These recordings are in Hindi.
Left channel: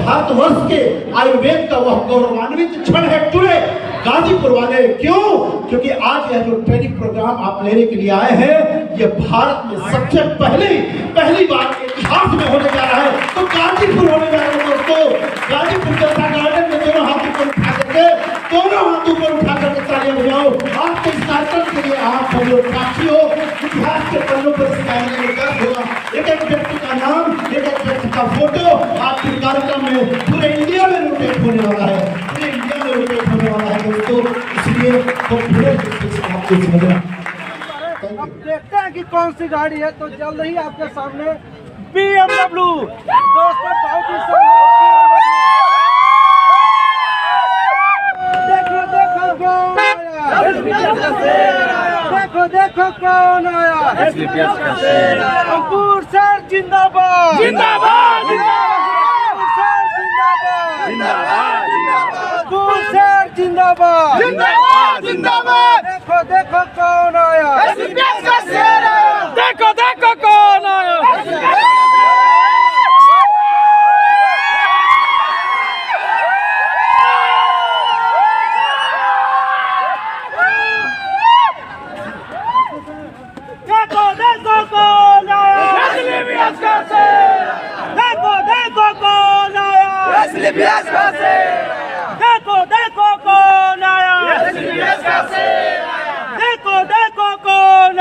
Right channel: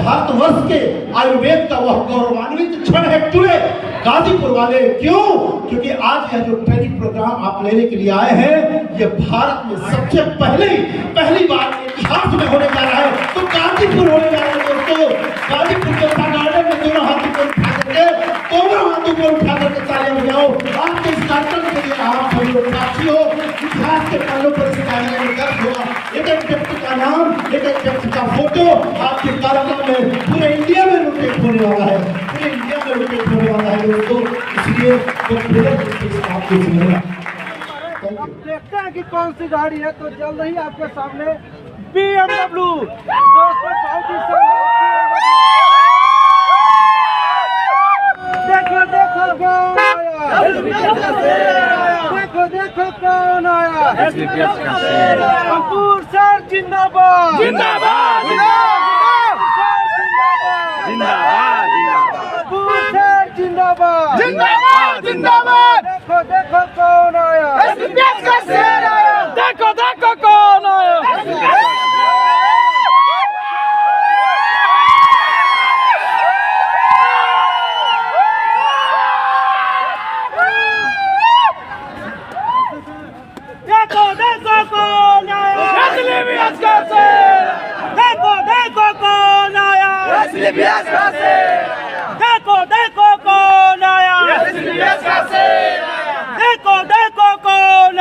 भारतवर्ष के आयुर्वेद का वह गौरवान्वित क्षण है टुडे गाजीपुर वाले। क्यों? क्योंकि आज यह जो ट्रेनिंग प्रोग्राम आप लेने के लिए आए हैं, ये भारत में सबसे पहली बार इतिहास में होने जा रहा है। तो गाजीपुर होने जा रहा है दोस्तों। गाजीपुर के गार्डन में दोनों हाथ ऊपर उठा करके तालियां बजाओ। आपके इस कार्यक्रम के लिए आप सभी साक्षी हो। इतिहास के पन्नों पर दर्ज होगा एक एक व्यक्ति का नाम, एक एक व्यक्ति का फोटो आपके कार्यक्रम में पूरे इंडिया में रोटेट होने वाला है, पूरे इंडिया में रोटेट होने वाला है दोस्तों। इसलिए तो पूरे आपको सुनेगा। देखते हैं कि कौन सी गाड़ी है। तो जल्द ही आपके सामने BMW दोस्तों, बहुत ही देखो कौन आया, देखो कौन आया। अंकुर सर जिंदाबाद, जिंदाबाद, अंकुर सर जिंदाबाद, जिंदाबाद। देखो कौन आया, देखो कौन आया। देखो कौन आया, देखो कौन आया। अंकुर सर जिंदाबाद, जिंदाबाद, जिंदाबाद। देखो कौन आया, देखो कौन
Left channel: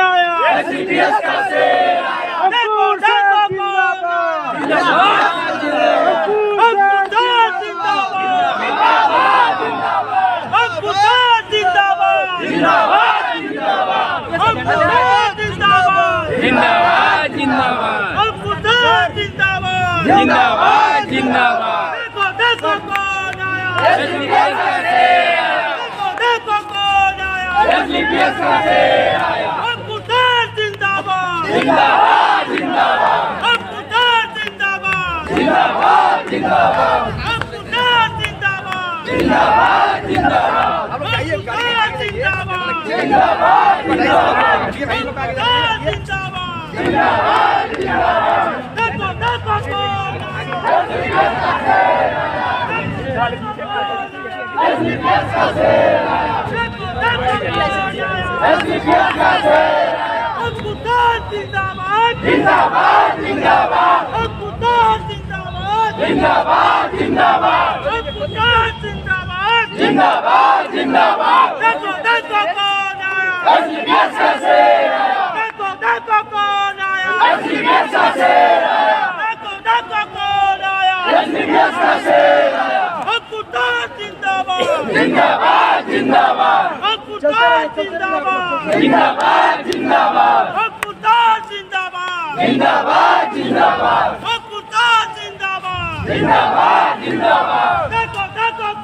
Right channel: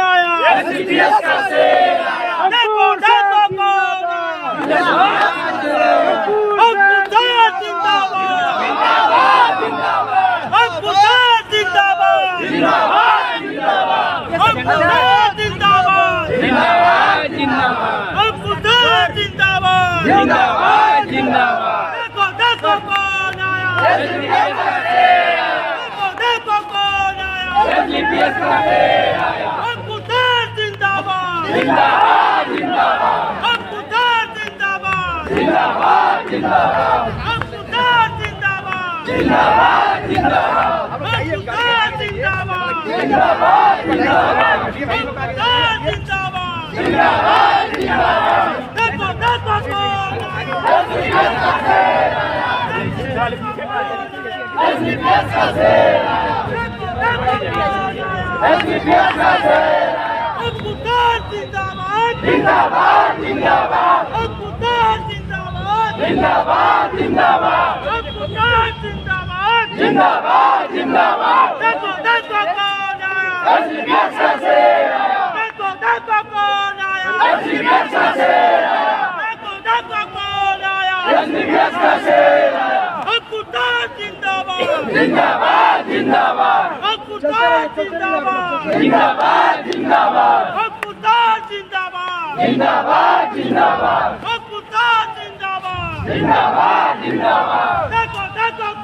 आया। अंकुर सर जिंदाबाद, जिंदाबाद, जिंदाबाद। अंकुर सर जिंदाबाद, जिंदाबाद, जिंदाबाद। अंकुर सर जिंदाबाद, जिंदाबाद, जिंदाबाद। अंकुर सर जिंदाबाद, जिंदाबाद, जिंदाबाद। अंकुर सर जिंदाबाद। जिंदाबाद, जिंदाबाद। जिंदाबाद, जिंदाबाद, जिंदाबाद। जिंदाबाद, जिंदाबाद। जिंदाबाद, जिंदाबाद। जिंदाबाद, जिंदाबाद। देखो कौन आया, एसडीपीएस का शेर आया, देखो कौन आया, एसडीपीएस का शेर आया, देखो कौन आया। एसडीपीएस का शेर आया। अंकुर सर जिंदाबाद, जिंदाबाद, जिंदाबाद। अंकुर सर जिंदाबाद, जिंदाबाद, जिंदाबाद। अंकुर सर जिंदाबाद, जिंदाबाद, जिंदाबाद। अंकुर सर जिंदाबाद। जिंदाबाद, जिंदाबाद। देखो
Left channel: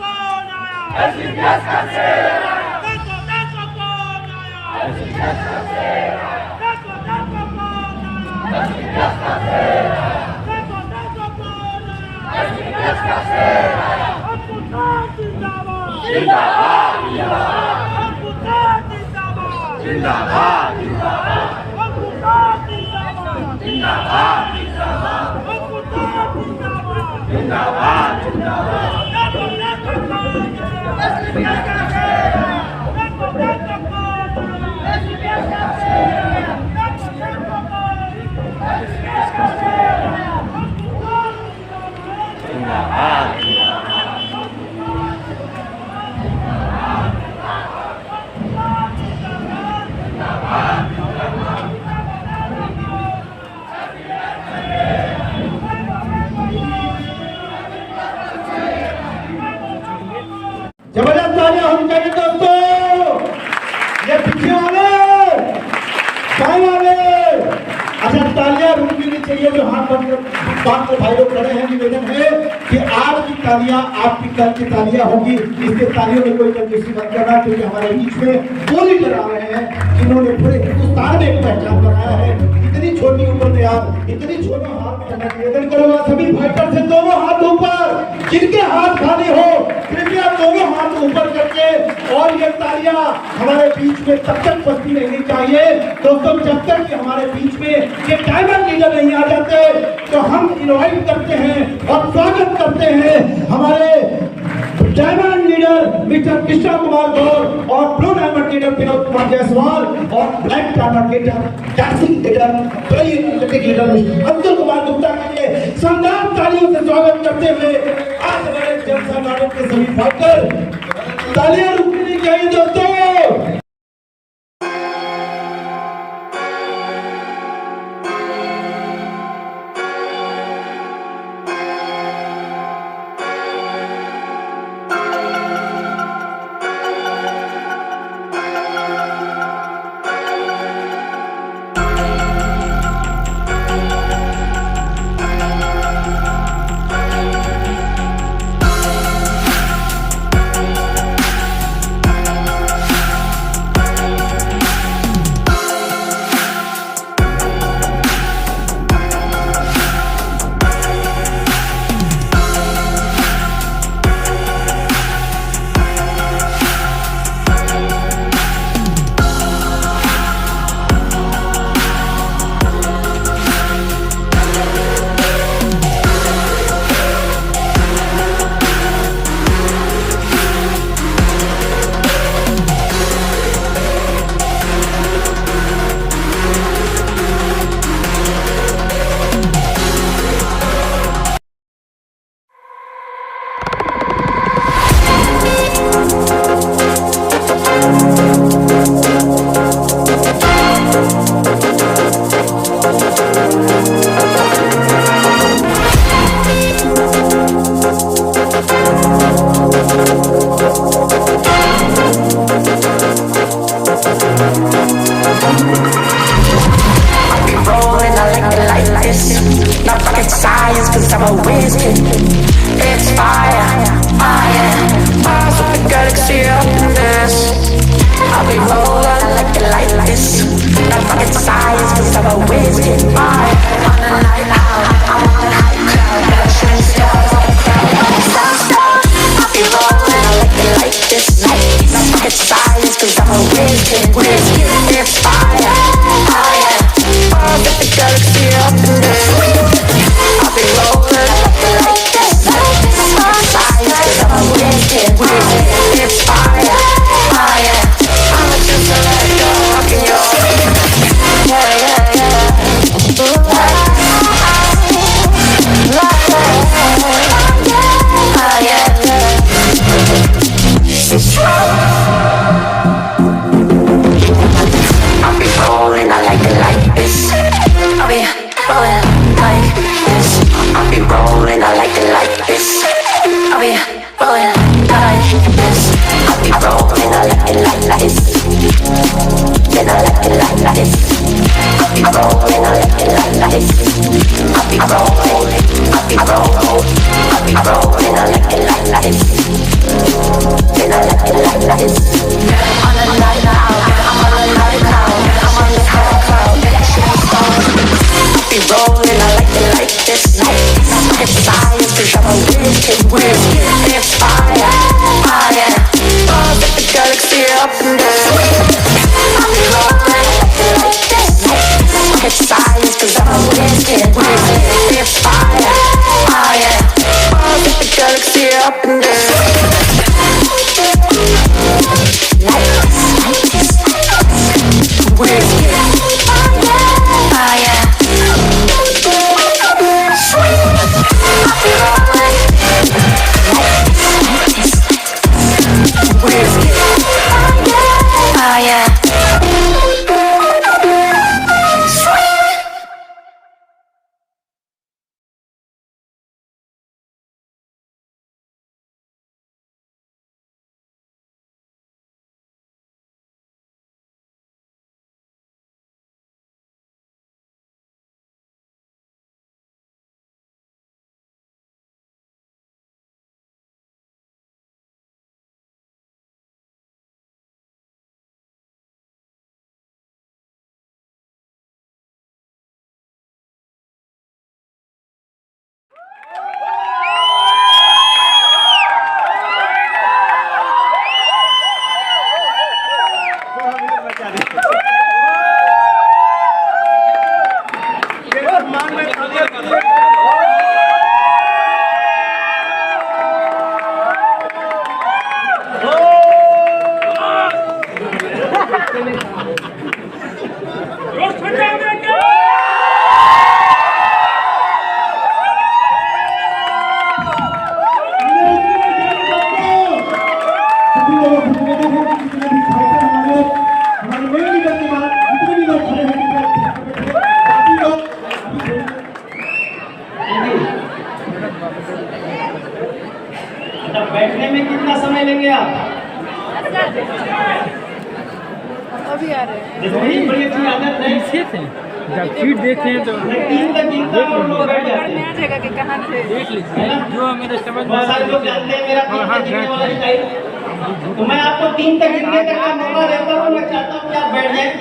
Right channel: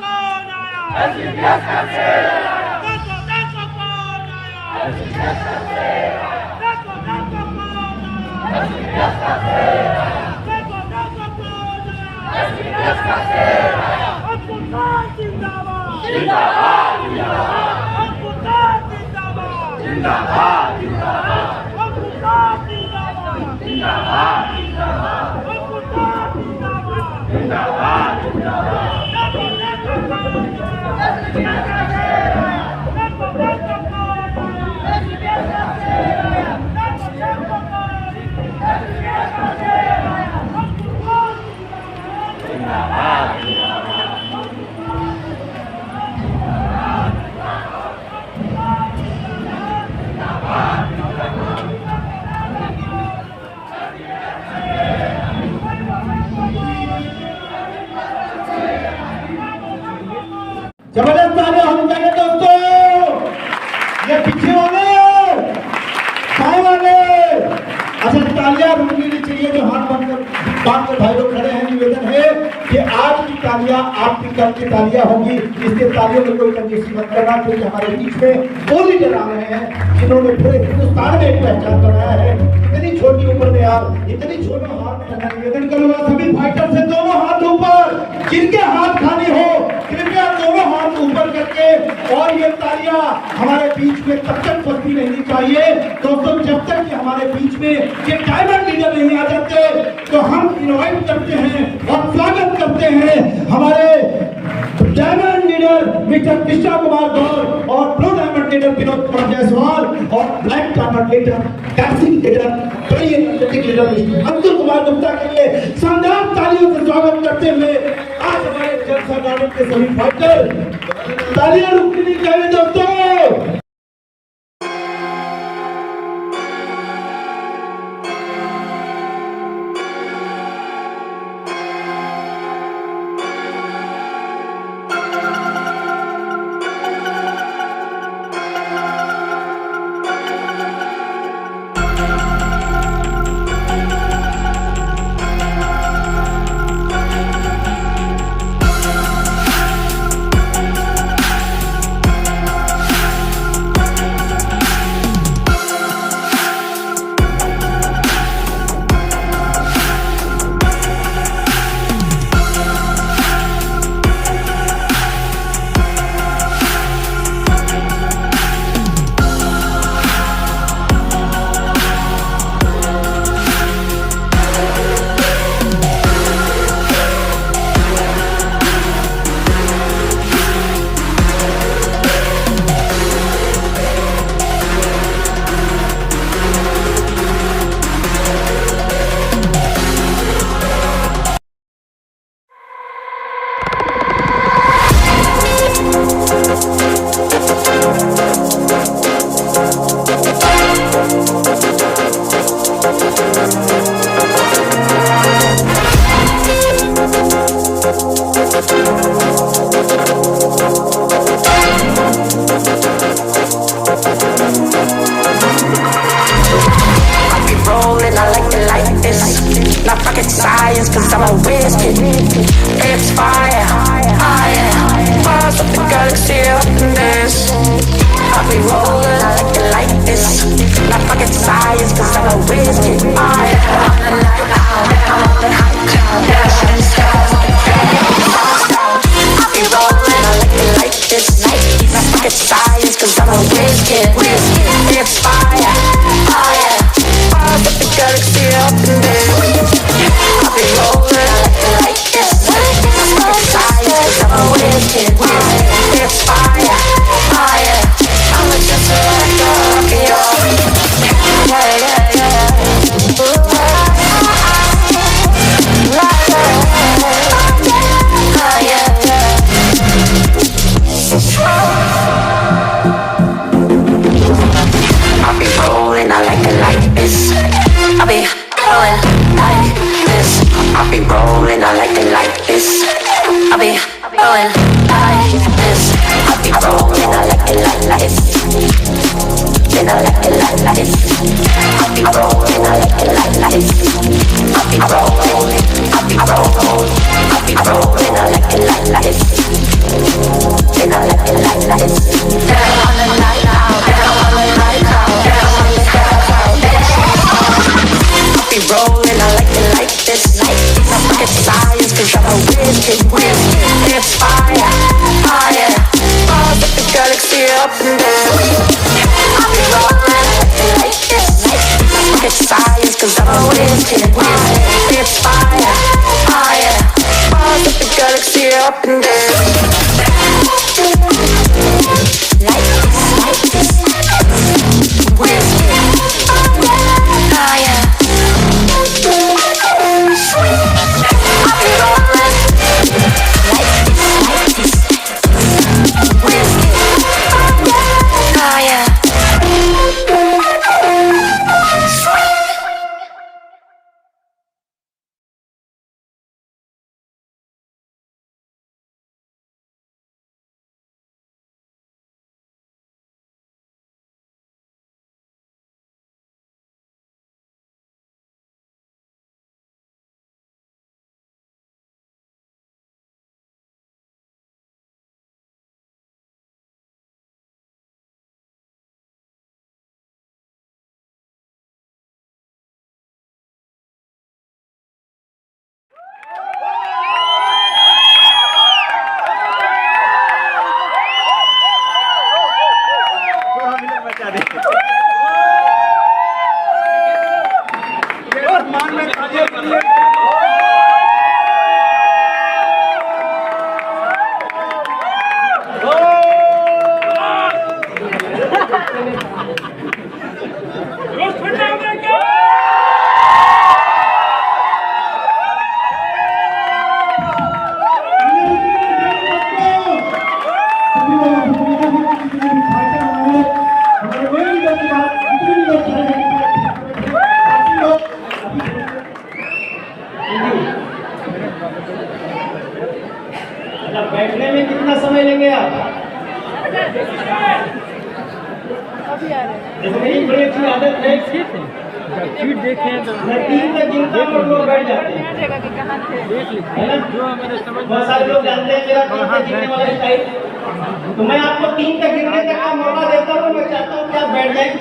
कौन आया, एसडीपीएस का शेर आया, देखो कौन आया। एसडीपीएस का शेर आया, देखो कौन आया, एसडीपीएस का शेर आया, देखो कौन आया। एसडीपीएस का शेर आया। अंकुर सर जिंदाबाद, जिंदाबाद, जिंदाबाद। अंकुर सर जिंदाबाद, जिंदाबाद, जिंदाबाद। अंकुर सर जिंदाबाद, जिंदाबाद, अंकुर सर जिंदाबाद। जिंदाबाद, जिंदाबाद। जबरदस्त तालियां होनी चाहिए दोस्तों। ये पीछे वाले, साए वाले, अच्छा तालियां रुकनी नहीं चाहिए। जो हाथ बांध कर भाई लोग खड़े हैं, निवेदन है कि आज की तालियां आपकी कल की तालियां होगी। इसके तालियों में कोई कंजूसी मत करना, क्योंकि हमारे बीच में वो लीडर आ रहे हैं जिन्होंने पूरे हिंदुस्तान में एक पहचान बनाया है। इतनी छोटी उम्र में आप इतनी छोटे हाथ में निवेदन करूंगा सभी फाइटर से दोनों हाथ ऊपर, जिनके हाथ खाली हो कृपया दोनों हाथ ऊपर करके। और ये तालियां हमारे बीच में तब तक बजती रहनी चाहिए दोस्तों, जब तक कि हमारे बीच में ये डायमंड लीडर नहीं आ जाते। तो हम इनवाइट करते हैं और स्वागत करते हैं कृष्णा कुमार गौर और blue diamond leader Vinod Kumar Jaiswal और black diamond leader Kashi leader कई एथलेटिक लीडर अंकुर कुमार गुप्ता के लिए शानदार तालियों से स्वागत करते हुए आज हमारे जल संग्राम के सभी फाइटर तालियां रुकनी नहीं चाहिए दोस्तों। Not rocket science, cause I'm a whiz kid. It's fire, fire. Bars with the galaxy up in this. I'll be rolling like you like this. Not rocket science, cause I'm a whiz kid. Fire. On the night out, I'm on the high cloud. Shooting stars at the crowd, slides down. I'll be rolling, I like this. Not rocket science, cause I'm a whiz kid. It's fire, fire. Bars with the galaxy up in this. I'll be rolling like this. Not science, cause I'm a whiz kid. It's fire, fire. I'm just a red dog in your yeah, yeah, yeah. Ooh, yeah, yeah. I'll be rolling, I like it like this. I'll be rolling like this. I'll be rolling, I like it like this. I'll be rolling like this. I'll be rolling, I like it like this. Then I like it like this. I'll be rolling, I like it like this. I'll be rolling, I'll be rolling. I'll be rolling, I like it like this. Then I like it like this. On a night out, I'm on a night cloud. I'm on the high cloud, shooting stars. I'll be rolling, I like it like this. Not rocket science, cause I'm a whiz kid. It's fire, fire. Bars with the galaxy up in there. I'll be rolling like this. Not rocket science, cause I'm a whiz kid. It's fire, fire. Bars with the galaxy up in there. अच्छा, बैठने में कितना समय लेंगे आप? जैसे मेरी बड़ी अच्छी आदत है, सीट देखे तो मैं 3 तक गिनता हूँ और लोग बैठ जाते हैं, देख लीजिए है ना? जो मेरे समझ में बहुत सारे लोग जानते हैं मेरा 3 तक गिनने वाला स्टाइल, तो मैं आपको 3 तक गिनने तक का मौका देता हूँ। मैं चाहता हूँ कि आप बैठ जाएं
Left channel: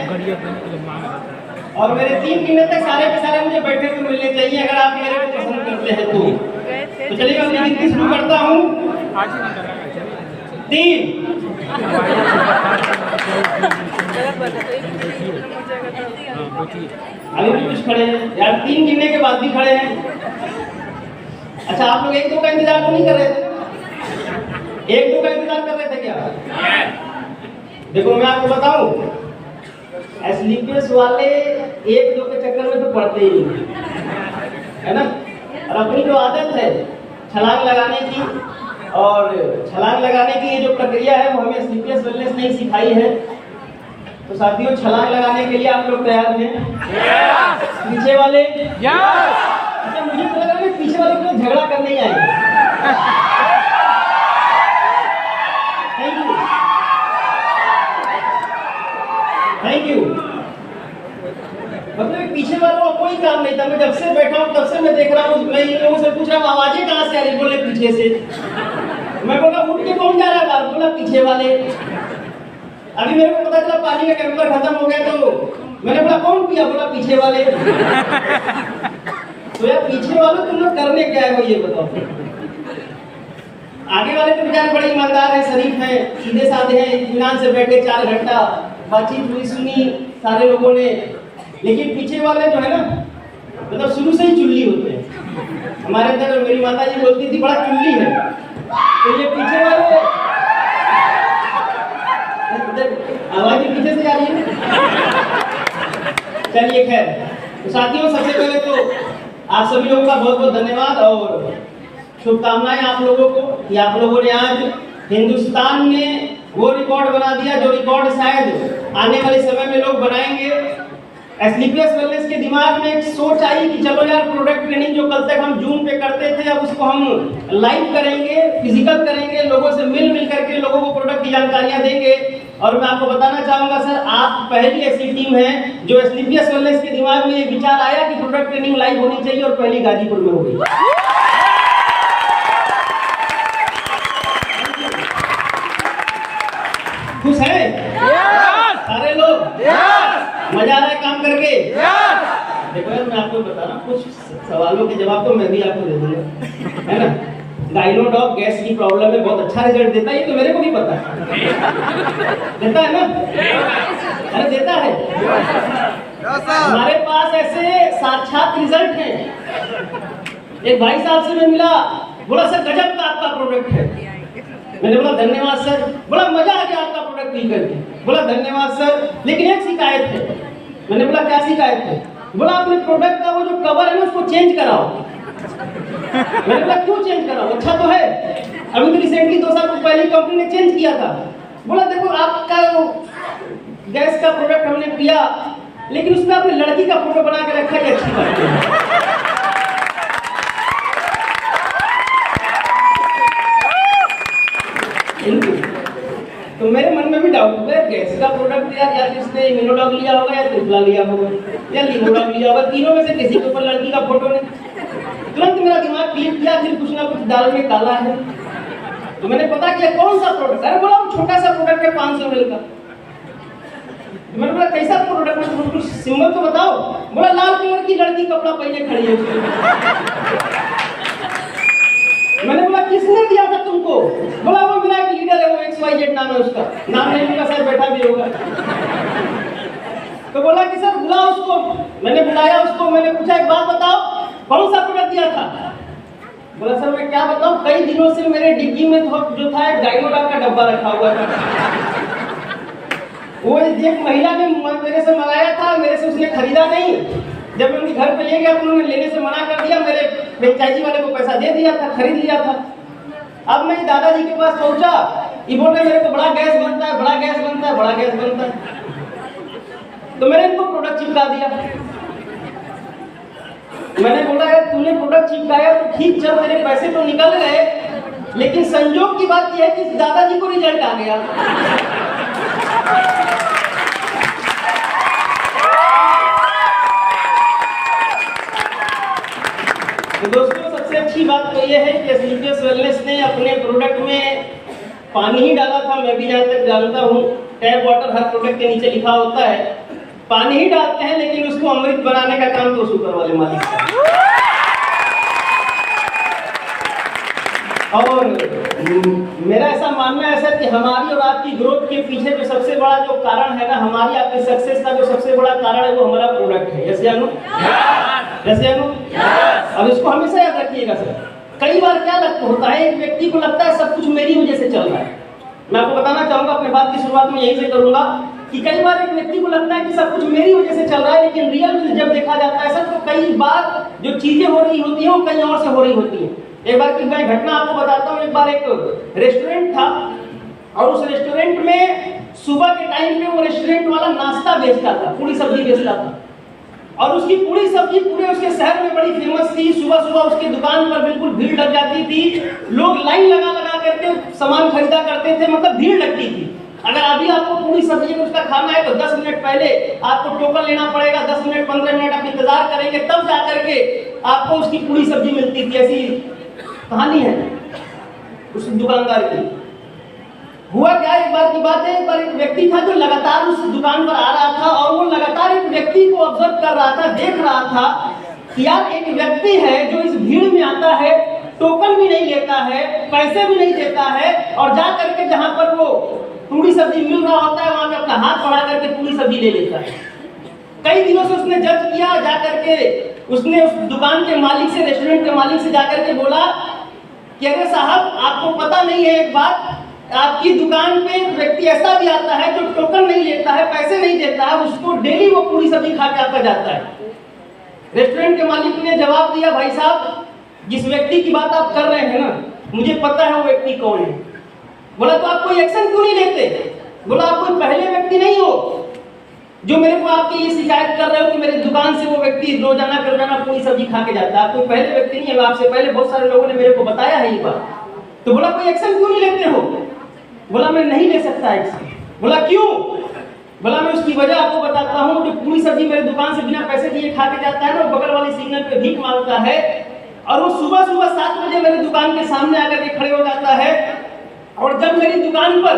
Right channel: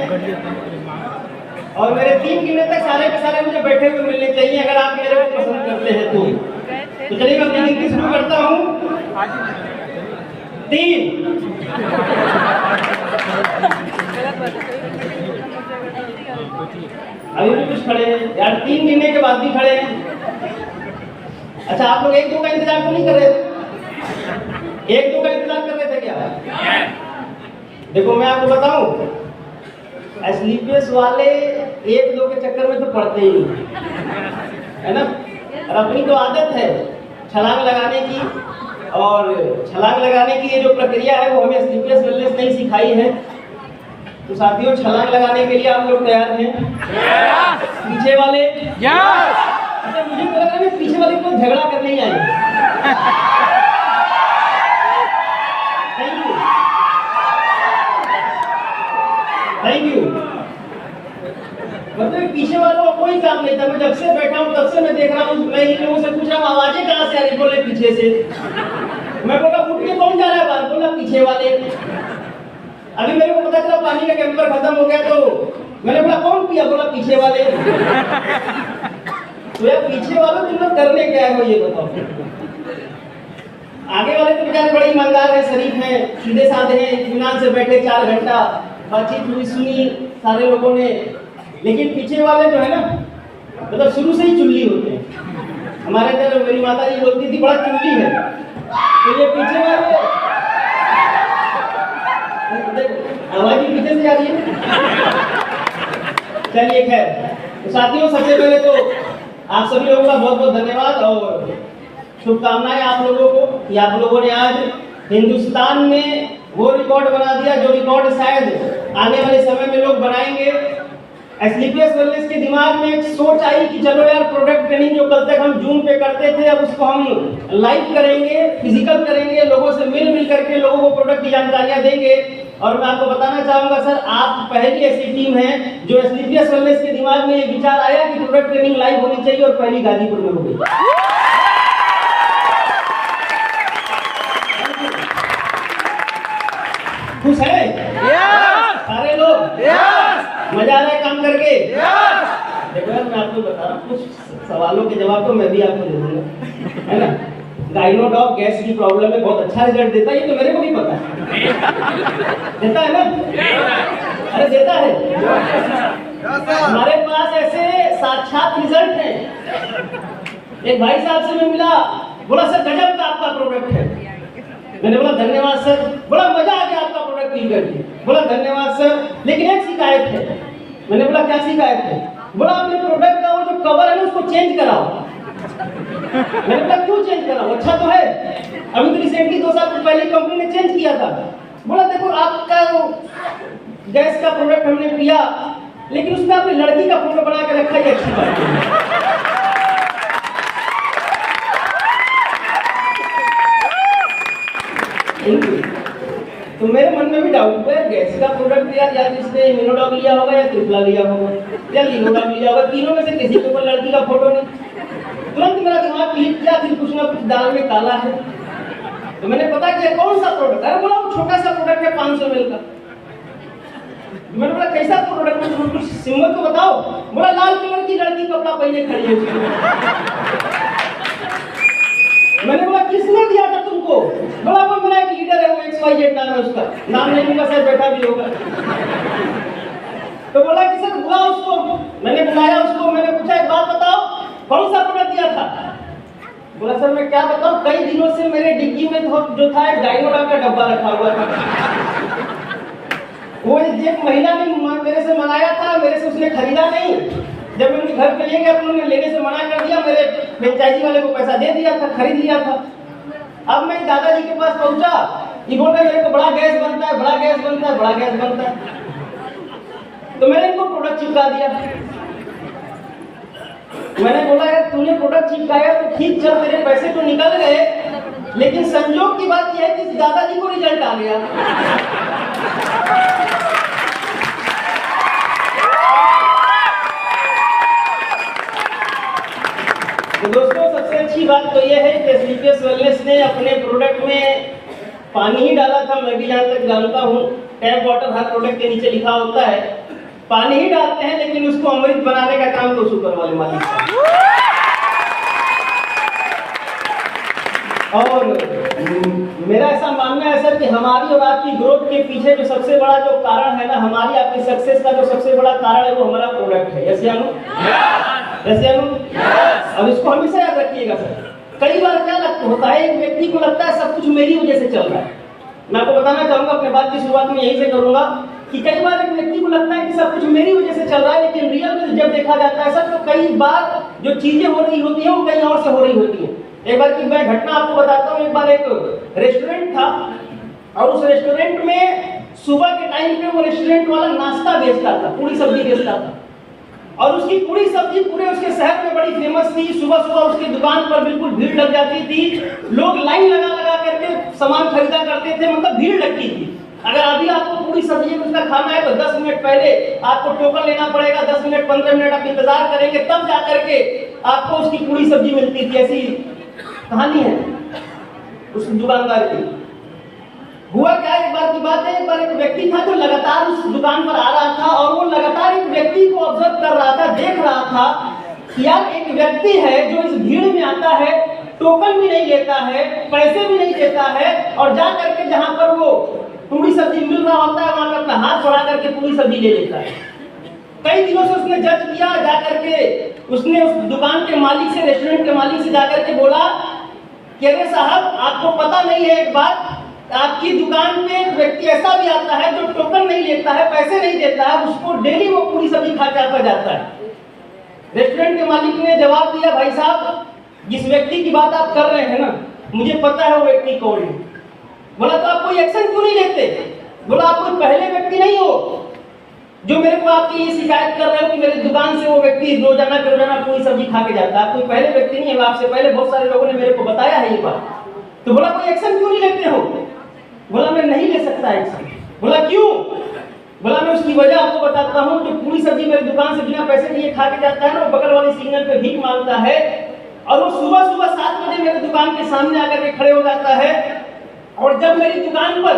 और मेरे 3 गिनने तक सारे के सारे मुझे बैठे हुए मिलने चाहिए, अगर आप मेरे को पसंद करते हैं तो चलिए मैं अपनी गिनती शुरू करता हूँ। 3। अभी भी कुछ खड़े हैं यार, 3 गिनने के बाद भी खड़े हैं। अच्छा, आप लोग 1-2 का इंतजार तो नहीं कर रहे थे? 1-2 का इंतजार कर रहे थे क्या? देखो मैं आपको बताऊं, स्लीपर्स वाले 1-2 के चक्कर में तो पड़ते ही नहीं, है ना? और अपनी जो आदत है छलांग लगाने की, और छलांग लगाने की ये जो प्रक्रिया है वो हमें स्लीपर्स वेलनेस नहीं सिखाई है। तो साथियों, छलांग लगाने के लिए आप लोग तैयार हैं? पीछे वाले? अच्छा, मुझे तो लगा कि पीछे वाले को झगड़ा करने ही आएंगे। Thank you, thank you. मतलब पीछे वालों का कोई काम नहीं था, मैं जब से बैठा हूँ तब से मैं देख रहा हूँ, मैं इन लोगों से पूछ रहा हूँ आवाजें कहाँ से आ रही, बोले पीछे से। मैं बोला उठ के कौन जा रहा है बाहर, बोला पीछे वाले। अभी मेरे को पता चला पानी का कैंपर खत्म हो गया, तो मैंने बोला कौन पिया, बोला पीछे वाले। तो यार पीछे वालों तुम लोग करने क्या है ये बताओ। आगे वाले तो बेचारे बड़े ईमानदार है, शरीफ है, सीधे साधे हैं, इत्मीनान से बैठे 4 घंटा बातचीत हुई, सुनी सारे लोगों ने। लेकिन पीछे वाले जो है ना, मतलब शुरू से ही चुल्ली होते हैं। हमारे अंदर मेरी माता जी बोलती थी बड़ा चुल्ली है, तो ये पीछे वाले आवाज भी पीछे से आ रही है। चलिए खैर, तो साथियों सबसे पहले तो आप सभी लोगों का बहुत बहुत धन्यवाद और शुभकामनाएं आप लोगों को कि आप लोगों ने आज हिंदुस्तान में वो रिकॉर्ड बना दिया जो रिकॉर्ड शायद आने वाले समय में लोग बनाएंगे। स्लीपियस वेलनेस के दिमाग में एक सोच आई कि चलो यार, प्रोडक्ट ट्रेनिंग जो कल तक हम जूम पे करते थे अब उसको हम लाइव करेंगे, फिजिकल करेंगे, लोगों से मिल करके लोगों को प्रोडक्ट की जानकारियां देंगे। और मैं आपको बताना चाहूंगा सर, आप पहली ऐसी टीम है जो स्लीपियस वेलनेस के दिमाग में ये विचार आया कि प्रोडक्ट ट्रेनिंग लाइव होनी चाहिए, और पहली गाजीपुर में हो गई। खुश है सारे लोग? मजा आ रहा है काम करके? देखो यार, मैं आपको बता रहा हूँ, कुछ सवालों के जवाब तो मैं भी आपको दे दूंगा, है ना? गाइनोडॉक गैस की प्रॉब्लम में बहुत अच्छा रिजल्ट देता है, ये तो मेरे को भी पता है। देता है ना? अरे देता है। हमारे पास ऐसे साक्षात रिजल्ट हैं। एक भाई साहब से मैं मिला, बोला सर गजब का आपका प्रोडक्ट है। मैंने बोला धन्यवाद सर। बोला मजा आ गया आपका प्रोडक्ट पी करके। बोला धन्यवाद सर, लेकिन एक शिकायत है। मैंने बोला क्या शिकायत है? बोला अपने प्रोडक्ट का वो जो कवर है ना उसको चेंज कराओ। मैंने बोला क्यों चेंज कराओ, अच्छा तो है। अभी तो रिसेंटली 2 साल पहले कंपनी ने चेंज किया था। बोला देखो आपका वो गैस का प्रोडक्ट हमने किया, लेकिन उसमें आपने लड़की का फोटो बना के रखा, ये अच्छी बात है। तो मेरे मन में भी डाउट हुआ, गैस का प्रोडक्ट दिया या जिसने इम्यूनोडॉक लिया होगा या ट्रिपला लिया होगा या लिनोडॉक लिया होगा, तीनों में से किसी के ऊपर लड़की का फोटो नहीं। तुरंत मेरा दिमाग क्लिक किया, फिर कुछ ना कुछ दाल में काला है। तो मैंने पता किया कौन सा प्रोडक्ट है। बोला छोटा सा प्रोडक्ट है 500 ml का। मैंने बोला कैसा प्रोडक्ट है, कुछ सिंबल तो बताओ। बोला लाल कलर की लड़की कपड़ा पहने खड़ी है। मैंने बोला किसने दिया था तुमको? बोला वो मेरा एक लीडर है, वो XYZ नाम है उसका, नाम नहीं मेरा शायद बैठा भी होगा। तो बोला कि सर बुला उसको। मैंने बुलाया उसको, मैंने पूछा एक बात बताओ कौन सा प्रोडक्ट दिया था? बोला सर मैं क्या बताऊं, कई दिनों से मेरे डिग्गी में जो था एक गाइनोडॉक का डब्बा रखा हुआ था। वो एक महिला ने मेरे से मंगाया था, मेरे से उसने खरीदा नहीं। जब मैं उनके घर पे ले गया तो उन्होंने लेने से मना कर दिया, मेरे फ्रेंचाइजी वाले को पैसा दे दिया था, खरीद लिया था। अब मैं दादाजी के पास पहुंचा, ये बोल रहे मेरे को बड़ा गैस बनता है, बड़ा गैस बनता है, बड़ा गैस बनता है। तो मैंने इनको प्रोडक्ट चिपका दिया। मैंने बोला यार तूने प्रोडक्ट चिपकाया तो ठीक, चल मेरे पैसे तो निकल गए, लेकिन संजोग की बात यह है कि दादाजी को रिजल्ट आ गया। तो दोस्तों सबसे अच्छी बात तो यह है कि स्लीपलेस वेलनेस ने अपने प्रोडक्ट में पानी ही डाला था। मैं भी जहाँ तक जानता हूँ टैप वाटर हर प्रोडक्ट के नीचे लिखा होता है, पानी ही डालते हैं, लेकिन उसको अमृत बनाने का काम तो सुपर वाले मालिक का। और मेरा ऐसा मानना है सर कि हमारी और आपकी ग्रोथ के पीछे जो सबसे बड़ा जो कारण है ना, हमारी आपकी सक्सेस का जो सबसे बड़ा कारण है वो हमारा प्रोडक्ट है। यस या नो? यस या नो? अब इसको हमेशा याद रखिएगा सर। कई बार क्या लगता होता है, एक व्यक्ति को लगता है सब कुछ मेरी वजह से चल रहा है। मैं आपको बताना चाहूंगा, अपने बात की शुरुआत में यहीं से करूंगा कि कई बार एक व्यक्ति को लगता है कि सब कुछ मेरी वजह से चल रहा है, लेकिन रियल में जब देखा जाता है सर तो कई बार जो चीजें हो रही होती हैं वो कहीं और से हो रही होती है। एक बार की मैं घटना आपको बताता हूँ। एक बार एक रेस्टोरेंट था और उस रेस्टोरेंट में सुबह के टाइम पे वो रेस्टोरेंट वाला नाश्ता बेचता था, पूरी सब्जी बेचता था, और उसकी पूरी सब्जी पूरे उसके शहर में बड़ी फेमस थी। सुबह सुबह उसकी दुकान पर बिल्कुल भीड़ लग जाती थी, लोग लाइन लगा लगा करके सामान खरीदा करते थे, मतलब भीड़ लगती थी। अगर अभी आपको पूरी सब्जी उसका खाना है तो 10 मिनट पहले आपको टोकन लेना पड़ेगा, 10 मिनट 15 मिनट आप इंतजार करेंगे, तब जाकर के आपको उसकी पूरी सब्जी मिलती थी। ऐसी कहानी है उस दुकानदार की। हुआ क्या, एक बार की बात है, एक बार एक व्यक्ति था जो लगातार उस दुकान पर आ रहा था और वो लगातार एक व्यक्ति को ऑब्जर्व कर रहा था, देख रहा था कि यार एक व्यक्ति है जो इस भीड़ में आता है, टोकन भी नहीं लेता है, पैसे भी नहीं देता है, और जा करके जहां पर वो पूरी सब्जी मिल रहा होता है वहां पर अपना हाथ बढ़ा करके पूरी सब्जी ले लेता है। कई दिनों से उसने जज किया, जाकर के उसने उस दुकान के मालिक से, रेस्टोरेंट के मालिक से जाकर के बोला कि अरे साहब आपको पता नहीं है एक बात, आपकी दुकान पे एक व्यक्ति ऐसा भी आता है जो टोकन नहीं लेता है, पैसे नहीं देता है, उसको डेली वो पूरी सब्जी खा के आता जाता है। रेस्टोरेंट के मालिक ने जवाब दिया, भाई साहब जिस व्यक्ति की बात आप कर रहे हैं ना, मुझे पता है वो व्यक्ति कौन है। बोला तो आप कोई एक्शन क्यों नहीं लेते? बोला आप कोई पहले व्यक्ति नहीं हो जो मेरे को आपकी ये शिकायत कर रहे हो कि मेरी दुकान से वो व्यक्ति रोजाना पूरी सब्जी खा के जाता है। आप कोई पहले व्यक्ति नहीं है, आपसे पहले बहुत सारे लोगों ने मेरे को बताया है ये बात। तो बोला कोई एक्शन क्यों नहीं लेते हो? बोला मैं नहीं ले सकता एक्शन। बोला क्यों? बोला मैं उसकी वजह आपको बताता हूँ। जो पूरी सब्जी मेरी दुकान से बिना पैसे दिए खा के जाता है ना, वो बगल वाले सिग्नल पे भीख मांगता है, और वो सुबह सुबह 7 बजे मेरी दुकान के सामने आकर के खड़े हो जाता है, और जब मेरी दुकान पर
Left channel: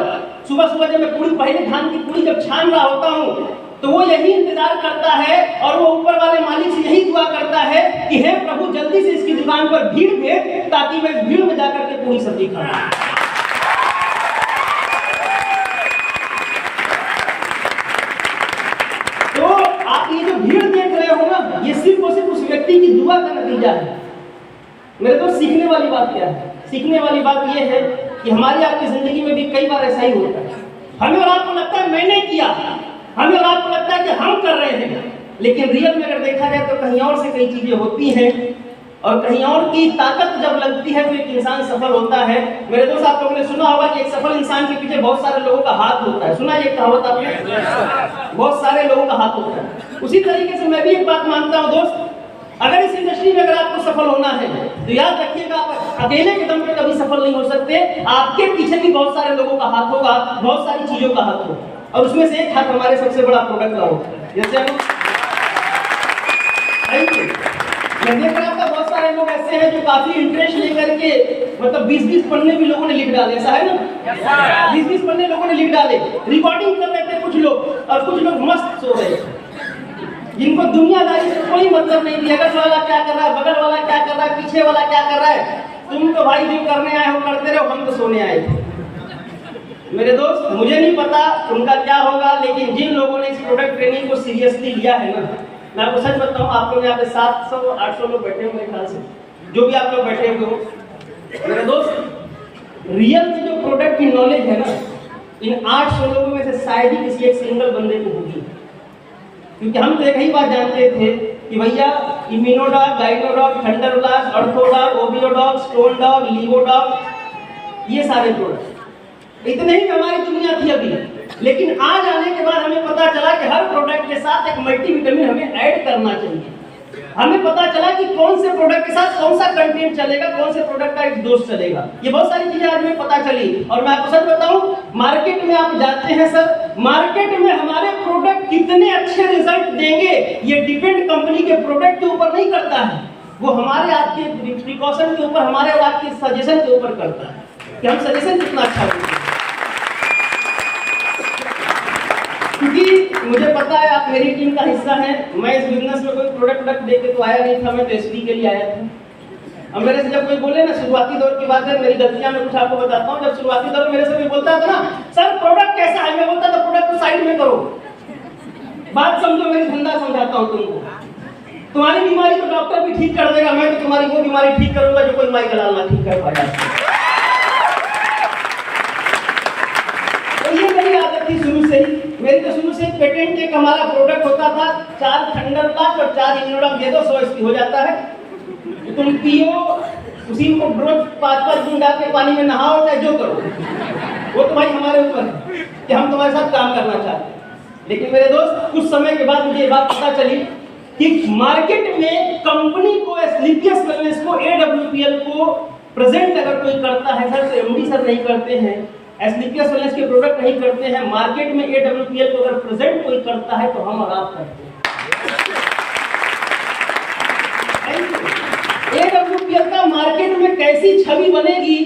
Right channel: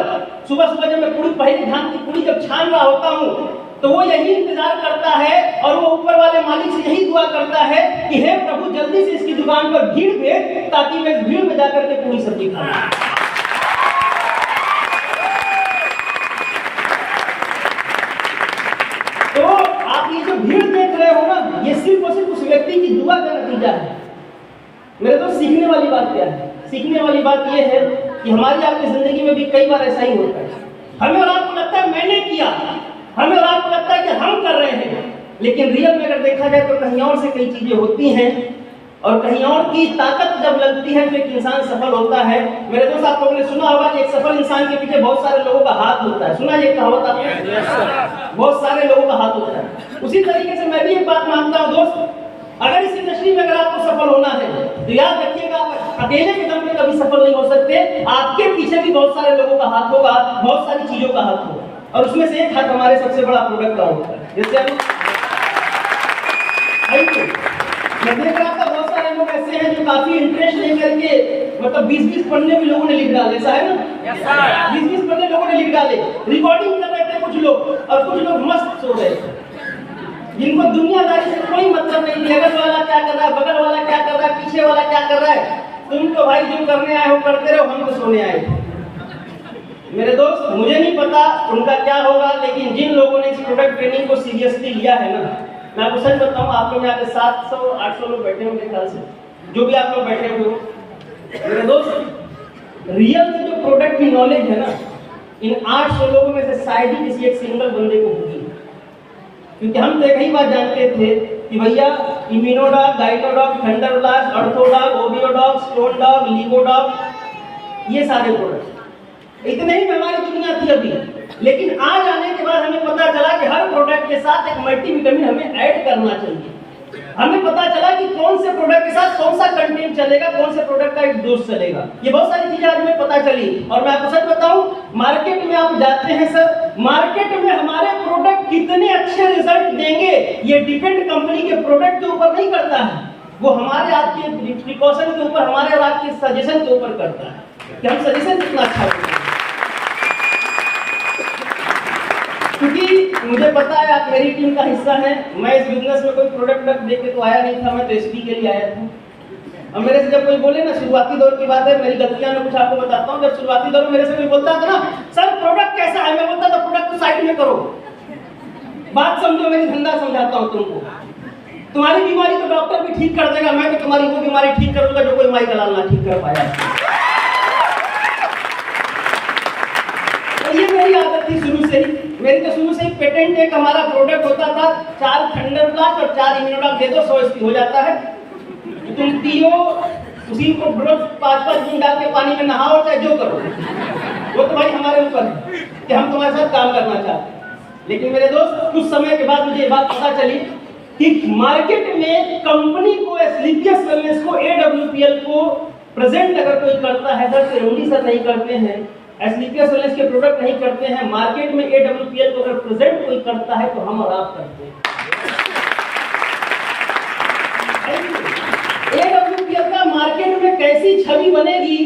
सुबह सुबह जब मैं पूरी पहले धान की पूरी जब छान रहा होता हूँ तो वो यही इंतजार करता है, और वो ऊपर वाले मालिक से यही दुआ करता है कि हे प्रभु जल्दी से इसकी दुकान पर भीड़ भेज ताकि मैं इस भीड़ में जाकर के पूरी सब्जी खाऊं। तो आप ये जो भीड़ देख रहे हो ना, ये सिर्फ और सिर्फ उस व्यक्ति की दुआ का नतीजा है। मेरे तो सीखने वाली बात क्या है? सीखने वाली बात यह है कि हमारी आपकी जिंदगी में भी कई बार ऐसा ही होता है। हमें और आपको लगता है मैंने किया, हमें और आपको लगता है कि हम कर रहे हैं, लेकिन रियल में अगर देखा जाए तो कहीं और से कई चीजें होती हैं, और कहीं और की ताकत जब लगती है तो एक इंसान सफल होता है। मेरे दोस्त आप लोगों ने सुना होगा कि एक सफल इंसान के पीछे बहुत सारे लोगों का हाथ होता है। सुना ये कहावत आपने? बहुत सारे लोगों का हाथ होता है। उसी तरीके से मैं भी एक बात मानता हूँ दोस्त, अगर इस इंडस्ट्री में अगर आपको सफल होना है तो याद रखिएगा आप अकेले के दम पे कभी सफल नहीं हो सकते। आपके पीछे भी बहुत सारे लोगों का हाथ होगा, बहुत सारी चीजों का हाथ होगा, और उसमें से एक हाथ हमारे सबसे बड़ा प्रोडक्ट का होता है। जैसे मैं देख रहा था बहुत सारे लोग ऐसे हैं जो काफी इंटरेस्ट लेकर के मतलब 20-20 पन्ने भी लोगों ने लिख डाले, ऐसा है ना? 20-20 पन्ने लोगों ने लिख डाले, रिकॉर्डिंग कर रहे थे कुछ लोग, और कुछ लोग मस्त सो रहे थे, जिनको दुनियादारी से कोई मतलब नहीं थी। अगल वाला क्या कर रहा है, बगल वाला क्या कर रहा है, पीछे वाला क्या कर रहा है, तुम तो भाई जो करने आए हो करते रहो, हम तो सोने आए थे। मेरे दोस्त मुझे नहीं पता उनका क्या होगा, लेकिन जिन लोगों ने इस प्रोडक्ट ट्रेनिंग को सीरियसली लिया है ना, मैं आपको सच बताऊं, आप लोग यहाँ पे 700-800 लोग बैठे होंगे ख्याल से, जो भी आप लोग बैठे हुए हो। मेरे दोस्त रियल में जो प्रोडक्ट की नॉलेज है ना, इन 800 लोगों में से शायद ही किसी एक सिंगल बंदे को होगी। क्योंकि हम तो एक ही बात जानते थे कि भैया इम्यूनोडॉग, गाइनोडॉग, थंडरब्लास्ट, अर्थोडॉग, ओबियोडॉग, स्टोनडॉग, लीगोडॉग, ये सारे प्रोडक्ट इतने ही हमारी दुनिया थी अभी। लेकिन आज आने के बाद हमें पता चला कि हर प्रोडक्ट के साथ एक मल्टीविटामिन हमें ऐड करना चाहिए। हमें पता चला कि कौन से प्रोडक्ट के साथ कौन सा कंटेंट चलेगा, कौन से प्रोडक्ट का एक डोज चलेगा। ये बहुत सारी चीजें आज हमें पता चली। और मैं आपको सच बताऊं, मार्केट में आप जाते हैं सर, मार्केट में हमारे प्रोडक्ट कितने अच्छे रिजल्ट देंगे ये डिपेंड कंपनी के प्रोडक्ट के ऊपर नहीं करता है, वो हमारे आपके प्रिकॉशन के ऊपर, हमारे और आपके सजेशन के ऊपर करता है कि हम सजेशन कितना अच्छा होगा। क्योंकि मुझे पता है आप मेरी टीम का हिस्सा हैं, मैं इस बिजनेस में कोई प्रोडक्ट देख के तो आया नहीं था, मैं तो एसपी के लिए आया था। अब मेरे से जब कोई बोले ना, शुरुआती दौर की बात है, मेरी गलतियां मैं कुछ आपको बताता हूँ। जब शुरुआती दौर में मेरे से कोई बोलता था ना, सर प्रोडक्ट कैसा है, मैं बोलता था प्रोडक्ट को साइड में करो, बात समझो, मेरी धंधा समझाता हूँ तुमको। तुम्हारी बीमारी तो डॉक्टर भी ठीक कर देगा, मैं तो तुम्हारी वो बीमारी ठीक करूंगा जो कोई माई दलाल ना ठीक कर पाया। तो ये मेरी आदत थी शुरू से ही। मेरे तो शुरू से पेटेंट एक हमारा प्रोडक्ट होता था, 4 थंडर ब्लास्ट और 4 इम्यूनोडॉक दे दो, 100 एसपी हो जाता है। तुम पियो, उसी को रोज 5-5 दिन डाल के पानी में नहाओ, चाहे जो करो, वो तो भाई हमारे ऊपर है कि हम तुम्हारे साथ काम करना चाहते हैं। लेकिन मेरे दोस्त, कुछ समय के बाद मुझे ये बात पता चली कि मार्केट में कंपनी को, स्लीपियस वेलनेस को, AWPL को प्रेजेंट अगर कोई करता है सर, तो एमडी सर नहीं करते हैं, स्लीपियस वेलनेस के प्रोडक्ट नहीं करते हैं। मार्केट में AWPL को अगर प्रेजेंट कोई करता है तो हम और आप करते हैं। AWPL का मार्केट में कैसी छवि बनेगी,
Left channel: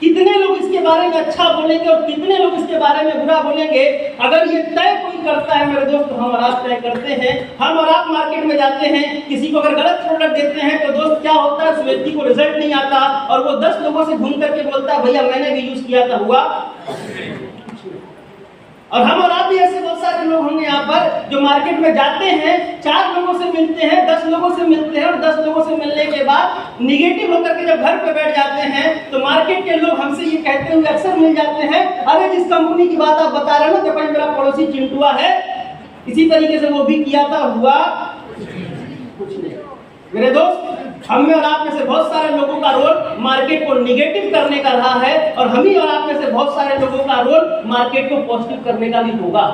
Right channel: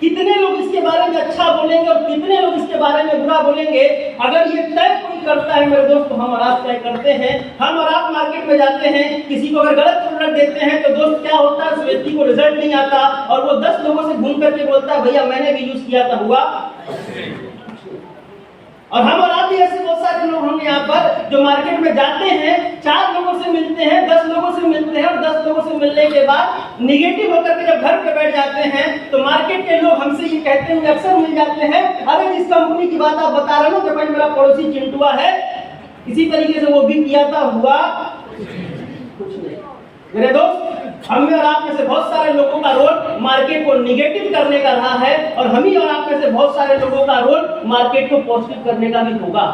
कितने लोग इसके बारे में अच्छा बोलेंगे और कितने लोग इसके बारे में बुरा बोलेंगे, अगर ये तय कोई करता है मेरे दोस्त, तो हम और आप तय करते हैं। हम और आप मार्केट में जाते हैं, किसी को अगर गलत प्रोडक्ट देते हैं तो दोस्त क्या होता है, उस व्यक्ति को रिजल्ट नहीं आता और वो 10 लोगों से घूम करके बोलता है भैया मैंने भी यूज किया था, हुआ। और हम और आप भी ऐसे बहुत सारे लोग होंगे यहाँ पर जो मार्केट में जाते हैं, 4 लोगों से मिलते हैं, 10 लोगों से मिलते हैं, और 10 लोगों से मिलने के बाद निगेटिव होकर के जब घर पे बैठ जाते हैं तो मार्केट के लोग हमसे ये कहते हुए अक्सर मिल जाते हैं, अरे जिस कंपनी की बात आप बता रहे हो कि भाई मेरा पड़ोसी चिंटुआ है, इसी तरीके से वो भी किया था, हुआ कुछ नहीं। मेरे दोस्त, हम में और आप में से बहुत सारे लोगों का रोल मार्केट को निगेटिव करने का रहा है, और हम ही और आप में से बहुत सारे लोगों का रोल मार्केट को पॉजिटिव करने का भी होगा।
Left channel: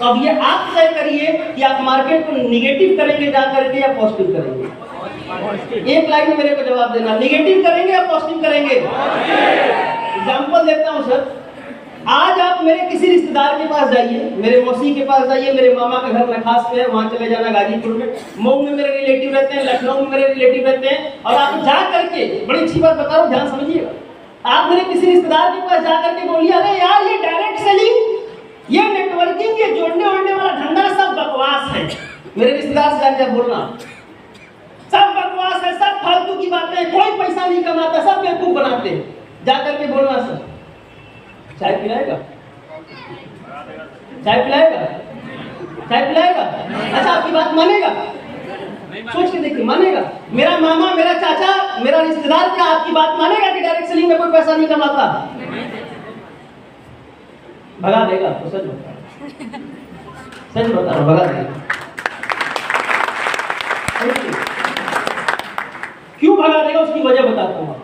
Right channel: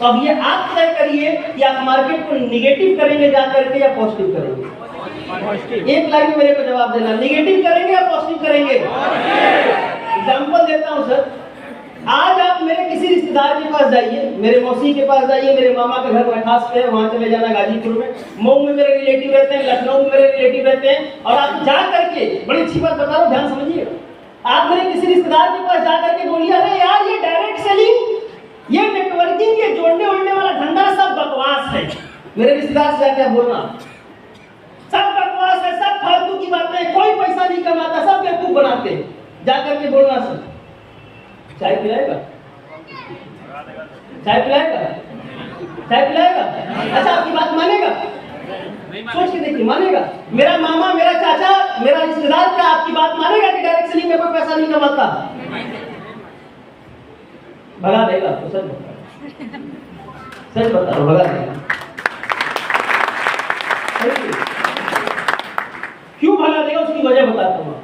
तो अब ये आप तय करिए कि आप मार्केट को निगेटिव करेंगे जा करके या पॉजिटिव करेंगे। एक लाइन में मेरे को जवाब देना, निगेटिव करेंगे या पॉजिटिव करेंगे। एग्जाम्पल देता हूँ सर, आज आप मेरे किसी रिश्तेदार के पास जाइए, मेरे मौसी के पास जाइए, मेरे मामा के घर में खास पे है, वहां चले जाना गाजीपुर में, मऊ में मेरे रिलेटिव रहते हैं, लखनऊ में मेरे रिलेटिव रहते हैं, और आप जा करके, बड़ी अच्छी बात बता रहा हूँ, ध्यान समझिए, आप मेरे किसी रिश्तेदार के पास जा करके बोलिए, अरे यार ये डायरेक्ट सेलिंग, ये नेटवर्किंग, ये जोड़ने ओढ़ने वाला धंधा सब बकवास है। मेरे रिश्तेदार से जाकर बोलना सब बकवास है, सब फालतू की बातें, कोई पैसा नहीं कमाता, सब बेवकूफ बनाते हैं, जाकर के बोलना सर चाय पिलाएगा, चाय पिलाएगा, चाय पिलाएगा, अच्छा आपकी बात मानेगा, सोच के देखिए मानेगा। मेरा मामा, मेरा चाचा, मेरा रिश्तेदार क्या आपकी बात मानेगा कि डायरेक्ट सेलिंग में कोई पैसा नहीं कमाता? भगा देगा तो सर बताओ, भगा देगा। क्यों भगा देगा उसकी वजह बताता हूँ।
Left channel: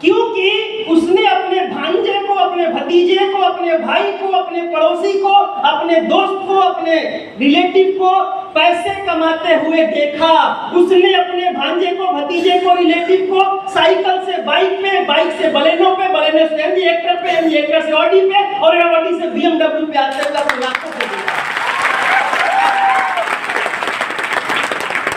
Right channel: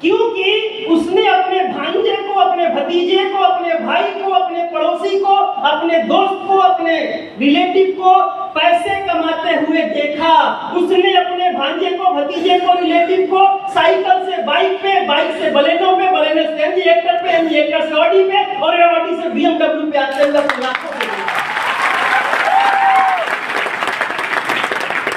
क्योंकि उसने अपने भांजे को, अपने भतीजे को, अपने भाई को, अपने पड़ोसी को, अपने दोस्त को, अपने रिलेटिव को पैसे कमाते हुए देखा। उसने अपने भांजे को, भतीजे को, रिलेटिव को साइकिल से बाइक पे, बाइक से बलेनो पे, बलेनो से एमजी-एक्टर पे, एमजी-एक्टर से ऑडी पे, और ऑडी से BMW पे आते हुए अपने आप को देखा।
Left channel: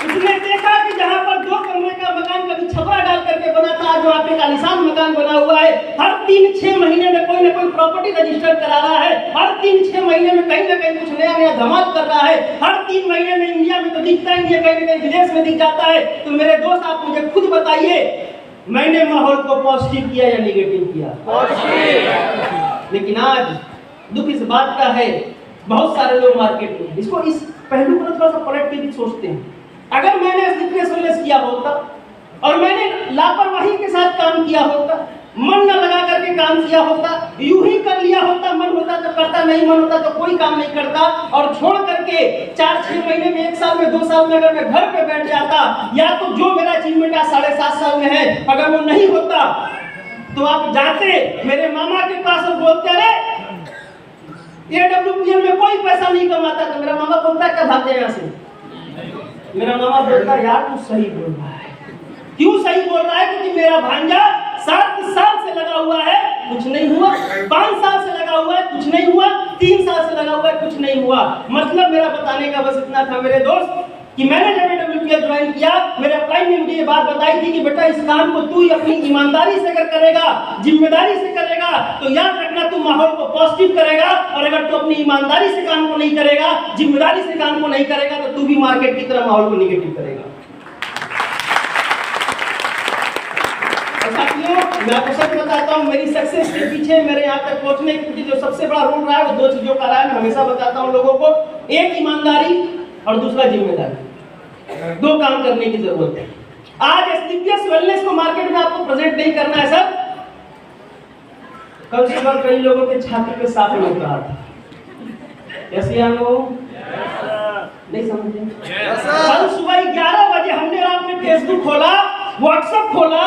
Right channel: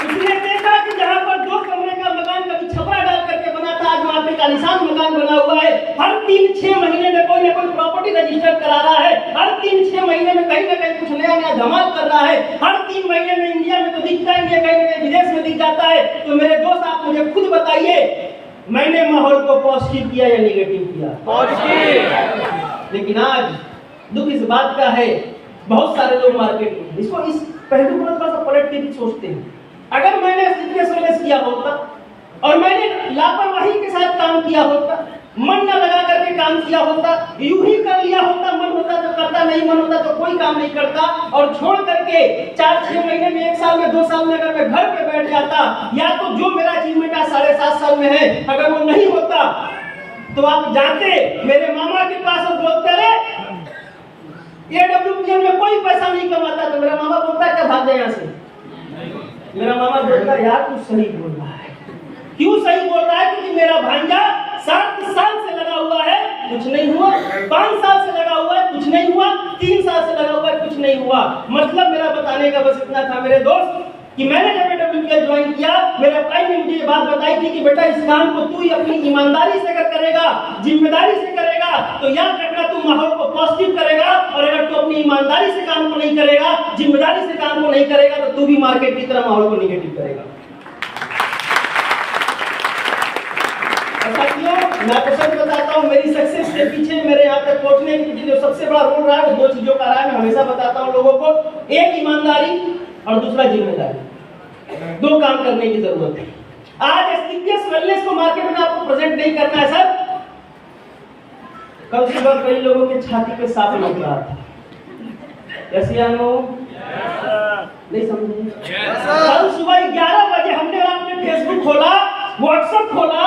उसने देखा कि जहां पर 2 कमरे का मकान कभी छपरा डाल करके बना था, आज वहां पे कालीसान मकान बना हुआ है। हर 3-6 महीने में कोई ना कोई प्रॉपर्टी रजिस्टर करा रहा है, हर 3-6 महीने में कहीं ना कहीं कुछ नया नया धमाल कर रहा है, हर 3 महीने में इंडिया में तो दिखता है, कहीं ना कहीं विदेश में दिख जाता है। तो मेरे दोस्त आप मुझे खुद बताइए, मैंने माहौल को पॉजिटिव किया या निगेटिव किया? पॉजिटिव। लेकिन आज दुख इस बात का है, बहुत सारे लोग मार्केट में इसको, इस पहलू को थोड़ा सा पलट के भी सोचते हैं। अगर मैंने स्लीपलेस किया होता और मैंने लापरवाही के साथ काम किया होता, मन न लगा करके काम किया होता, यूं ही कर लिया होता, मन होता तो करता, नहीं मन होता तो कोई काम नहीं करता, और छोड़ करके 4-6 महीने में, 1 साल में, 2 साल में अगर मैं घर पे बैठ जाता, या तो जो मेरा अचीवमेंट आज 7.5 साल में है अगर वो नहीं होता, तो आप जाते मेरे मामा के पास और बोलते, अरे AWPL में कोई पैसा नहीं कमाता, तो मेरा मामा बोलता क्या भाग जाए यहाँ से, मेरा मामा बोलता है यार तू सही बोल रहा है। क्यों सही बोल रहा है? क्योंकि मेरा भांजा 7 साल से लगा हुआ है, कुछ नहीं हुआ। 5 साल से लगा हुआ है, कुछ नहीं हुआ। 3 साल से लगा हुआ है, कुछ नहीं हुआ। मतलब मेरा बताने का बस इतना था मेरे दोस्त कि मैंने जब WPL ज्वाइन किया, मेरे अप्लाई में मुझे ये बात बताई थी कि बेटा इस काम को तू अपनी ईमानदारी से अगर करेगा, जिम्मेदारी से करेगा, तो याद रखना तू माहौल को पॉजिटिव करेगा। और अगर तू अपनी ईमानदारी से काम को नहीं करेगा, जिम्मेदारी से काम को नहीं करेगा, तो तू भी मार्केट की तरह माहौल को निगेटिव करेगा। मैं आपको सच बताता हूँ, मेरी सक्सेस के पीछे, मेरे यहाँ तक पहुंचने के पीछे जो सबसे बड़ा रोल रहा है वो 2 चीजों का रहा है। मैं हमेशा बताता हूँ लोगों को, एक ईमानदारी और दूसरा जिम्मेदारी। 2 काम करने की जरूरत है। आज एस्थेटिक्स वेलनेस को मार्केट में आपको प्रेजेंट नहीं करना है सर। कल सुबह कई लोगों के छाती पे सांप लग रहा था। यसियानो नहीं समझे? कल सुबह 11 बजे हमने और आपने फेसबुक खोला, व्हाट्सएप खोला,